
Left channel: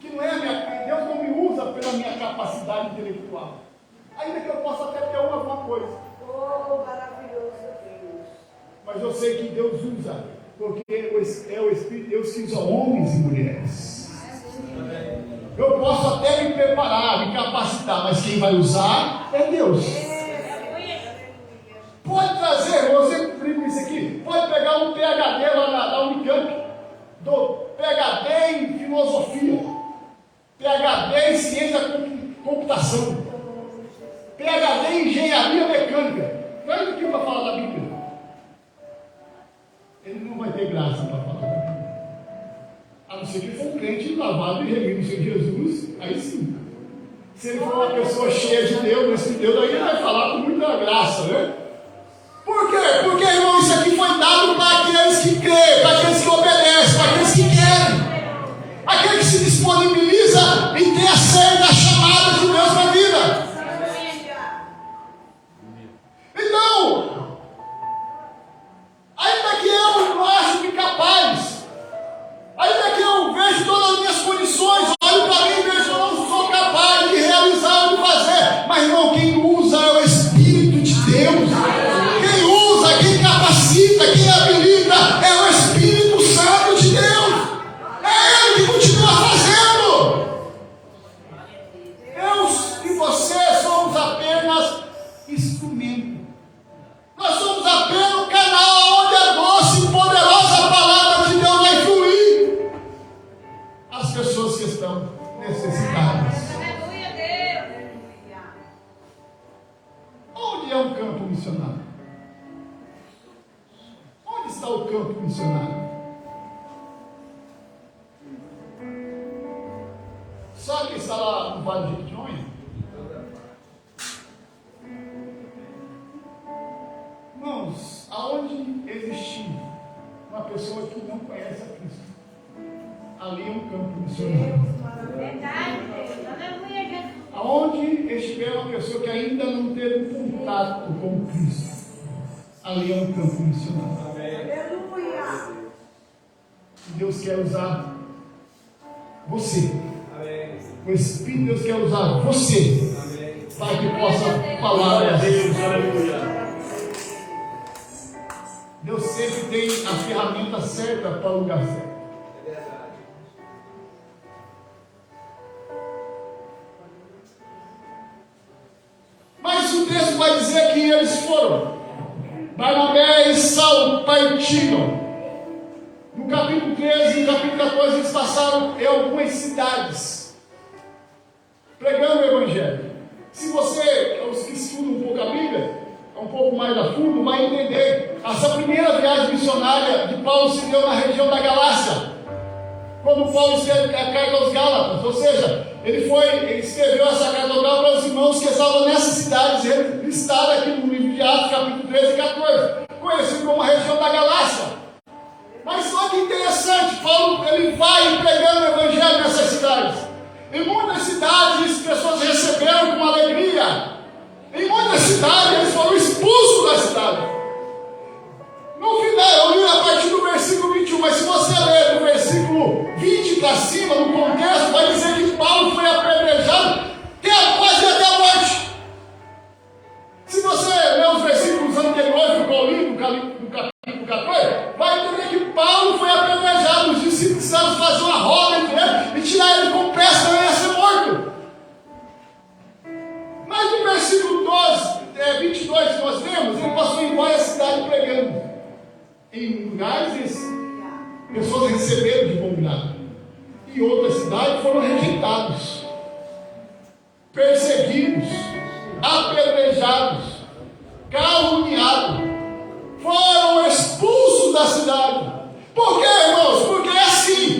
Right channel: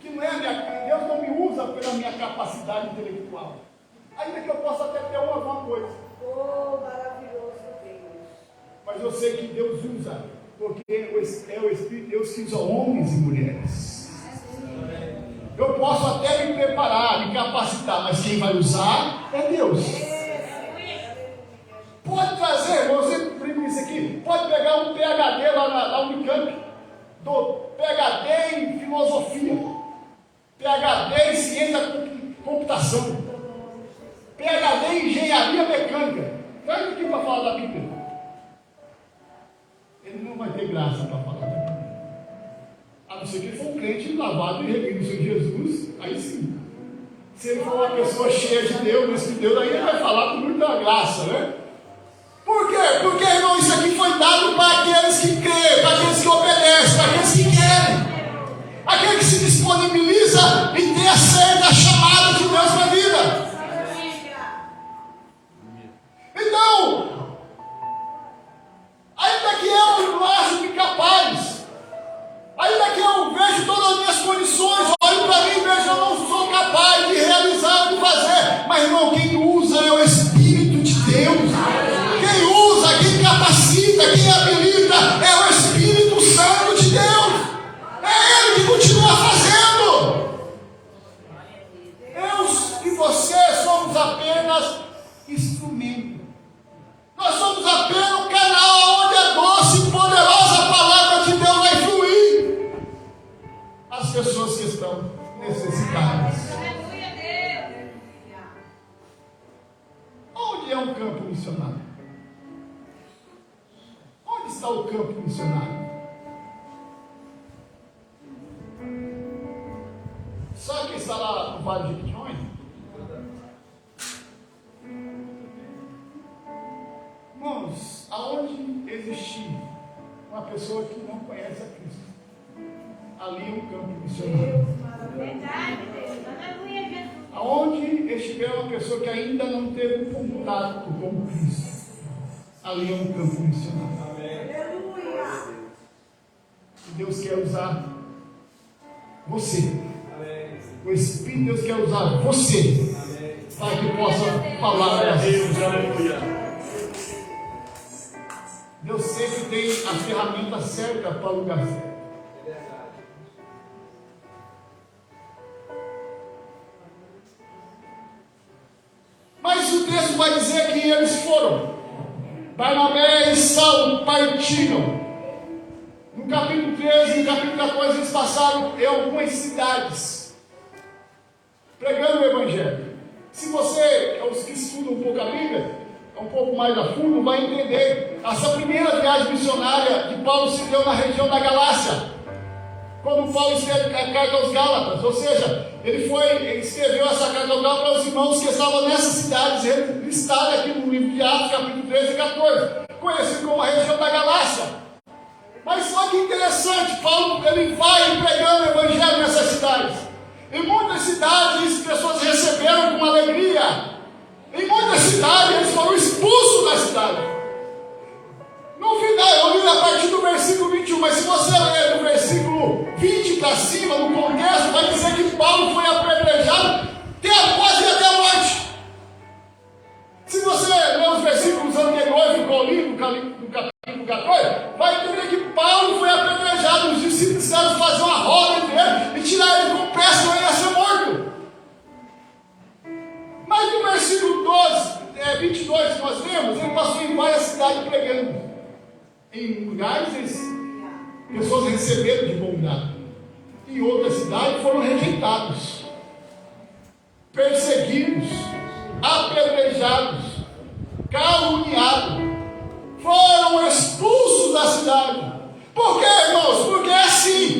que Deus não me usa pela minha capacidade intelectual. Ainda que eu possa até ter alguma coisa. Oh, maravilhoso Deus. Mas eu sei que Deus usa, porque é o Espírito de Deus que usa homens e mulheres. Eu posso até me preparar, me capacitar, mas quem vai usar é Deus. Pode trazer, você imprime isso aqui, pode pegar um PhD lá na Unicamp, do PhD em filosofia, PhD em ciência da computação, PhD em engenharia mecânica. Traz aqui para falar da Bíblia. Ele não vai ter graça para falar da Bíblia. A não ser que ele for um crente lavado e remido em Jesus, aí sim. Se ele for uma pessoa cheia de Deus, desse Deus, aí ele vai falar com muita graça, né? Por quê? Porque, irmão, isso aqui foi dado para aqueles que creem, para aqueles que obedecem, para aqueles que querem. Aquele que se disponibiliza em ter a série da chamada de Deus na vida. Então, ainda que eu não acho incapaz, ainda que eu vejo todas as minhas condições, olho para mim e vejo que eu não sou capaz de realizar ou de fazer, mas não, quem usa é o Espírito de Deus. Quem usa, quem capacita, quem habilita é o Espírito Santo de Deus. É Ele que continua fazendo. Eu e você somos apenas instrumento. Nós somos apenas um canal onde a doce e poderosa palavra de Deus vai fluir. As pessoas que estão necessitadas. Onde é um campo missionário? Onde está o campo missionário? Sabe quem está lá no Vale de Jequitinhonha? Irmãos, aonde existir uma pessoa que não conhece a Cristo, ali é um campo missionário. Aonde estiver uma pessoa que ainda não teve um contato com Cristo, ali é um campo missionário. E Deus quer usar você. O Espírito de Deus quer usar você para que possa falar a Deus. Aleluia. Deus sempre tem a ferramenta certa para o lugar certo. Mas o texto vai dizer que eles foram. Barnabé e Saulo partiram. No capítulo 13 e no capítulo 14 eles passaram em algumas cidades, pregando o Evangelho. Se você, os que estudam um pouco a Bíblia, um pouco mais a fundo, vai entender. Essa primeira viagem missionária de Paulo se deu na região da Galácia, quando Paulo escreve a carta aos Gálatas, ou seja, ele escreveu essa carta aos Gálatas para os irmãos que estavam nessas cidades, ele listado aqui no livro de Atos, capítulo 13 e 14, conhecido como a região da Galácia. Mas só que interessante, Paulo ele vai pregando o Evangelho nessas cidades. Em muitas cidades, as pessoas receberam com alegria. Em muitas cidades, eles foram expulsos da cidade. No final, eu li a partir do versículo 21, mas se você ler do versículo 20 para cima, no contexto, vai dizer que Paulo foi apedrejado quase até a morte. Se você ler os versículos anteriores do capítulo 14, vai entender que Paulo foi apedrejado. Os discípulos precisaram fazer uma roda entre ele e tirar ele com pressa, senão ele ia ser morto. Mas no versículo 22 que nós lemos, ele passou em várias cidades pregando. Em lugares, pessoas receberam de bom grado. Em outras cidades foram rejeitados, perseguidos, apedrejados, caluniados, foram expulsos da cidade. Por quê, irmãos? Porque é assim.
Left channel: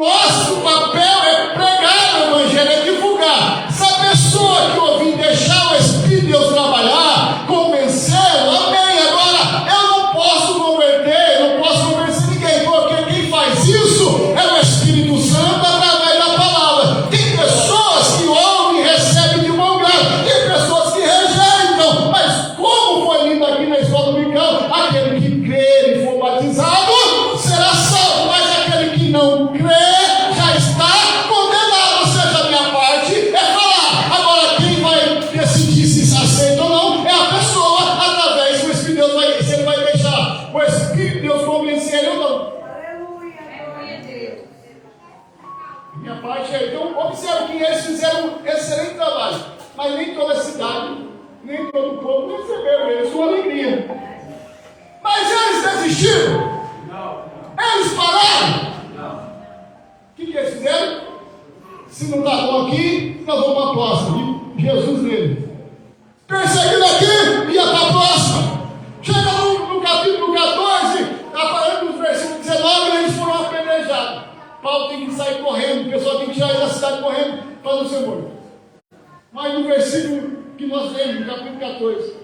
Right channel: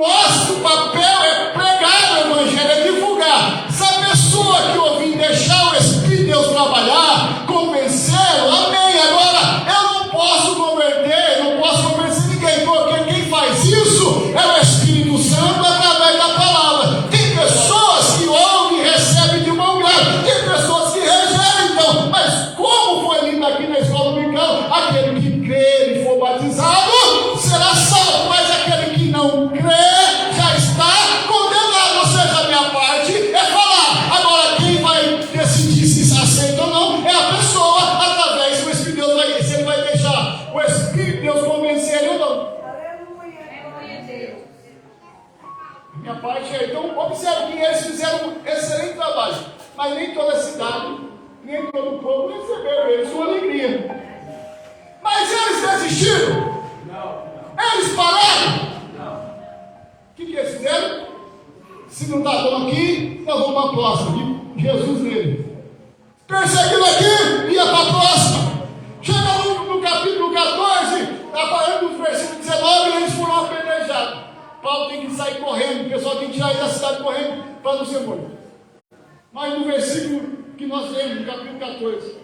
nosso papel é pregar o Evangelho, é divulgar. Se a pessoa que ouvir deixar o Espírito de Deus trabalhar, convencê-lo, amém. Agora, eu não posso converter, não posso convencer ninguém, porque quem faz isso é o Espírito Santo através da palavra. Tem pessoas que ouvem e recebem de bom grado, tem pessoas que rejeitam, mas como foi lindo aqui na escola dominical, aquele que crer e for batizado será salvo, mas aquele que não crê já está condenado. Ou seja, a minha parte é falar. Agora, quem vai decidir se se aceita ou não é a pessoa, através do Espírito de Deus. Se ele vai deixar o Espírito de Deus convencer ele ou não. Minha parte é. Então, observe que eles fizeram um excelente trabalho, mas nem toda a cidade, nem todo o povo receberam eles com alegria. Mas eles desistiram? Não. Eles pararam? Não. O que eles fizeram? Se não está bom aqui, nós vamos para a próxima. Jesus nele. Perseguindo aqui, ia para a próxima. Chega no capítulo 14, aparece nos versículos 19, e eles foram apedrejados. Paulo tem que sair correndo, o pessoal tem que tirar ele da cidade correndo para não ser morto. Mas no versículo que nós lemos, no capítulo 14,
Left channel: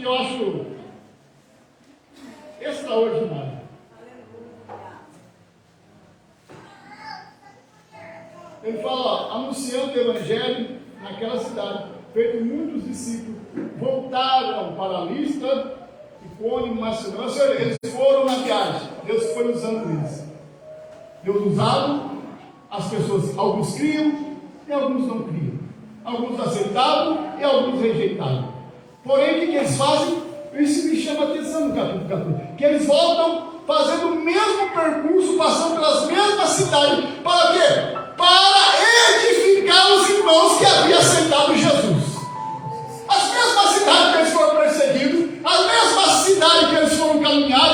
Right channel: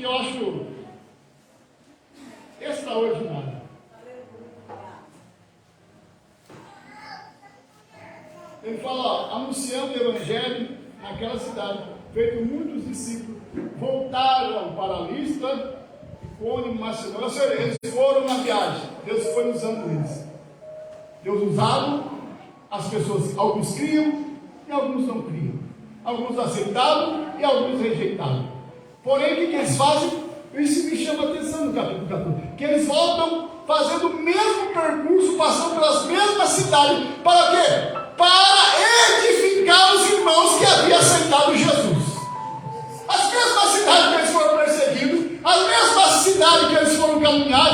eu acho extraordinário. Ele fala, ó, anunciando o Evangelho naquela cidade, feito muitos discípulos, voltaram para Listra, Icônio, Macedônia. Ou seja, eles foram na viagem, Deus foi usando eles. Deus usado, as pessoas, alguns criam e alguns não criam. Alguns aceitaram e alguns rejeitaram. Porém, o que eles fazem? Isso me chama a atenção no capítulo 14. Que eles voltam fazendo o mesmo percurso, passando pelas mesmas cidades. Para quê? Para edificar os irmãos que haviam aceitado Jesus. As mesmas cidades que eles foram perseguidos, as mesmas cidades que eles foram caminhar,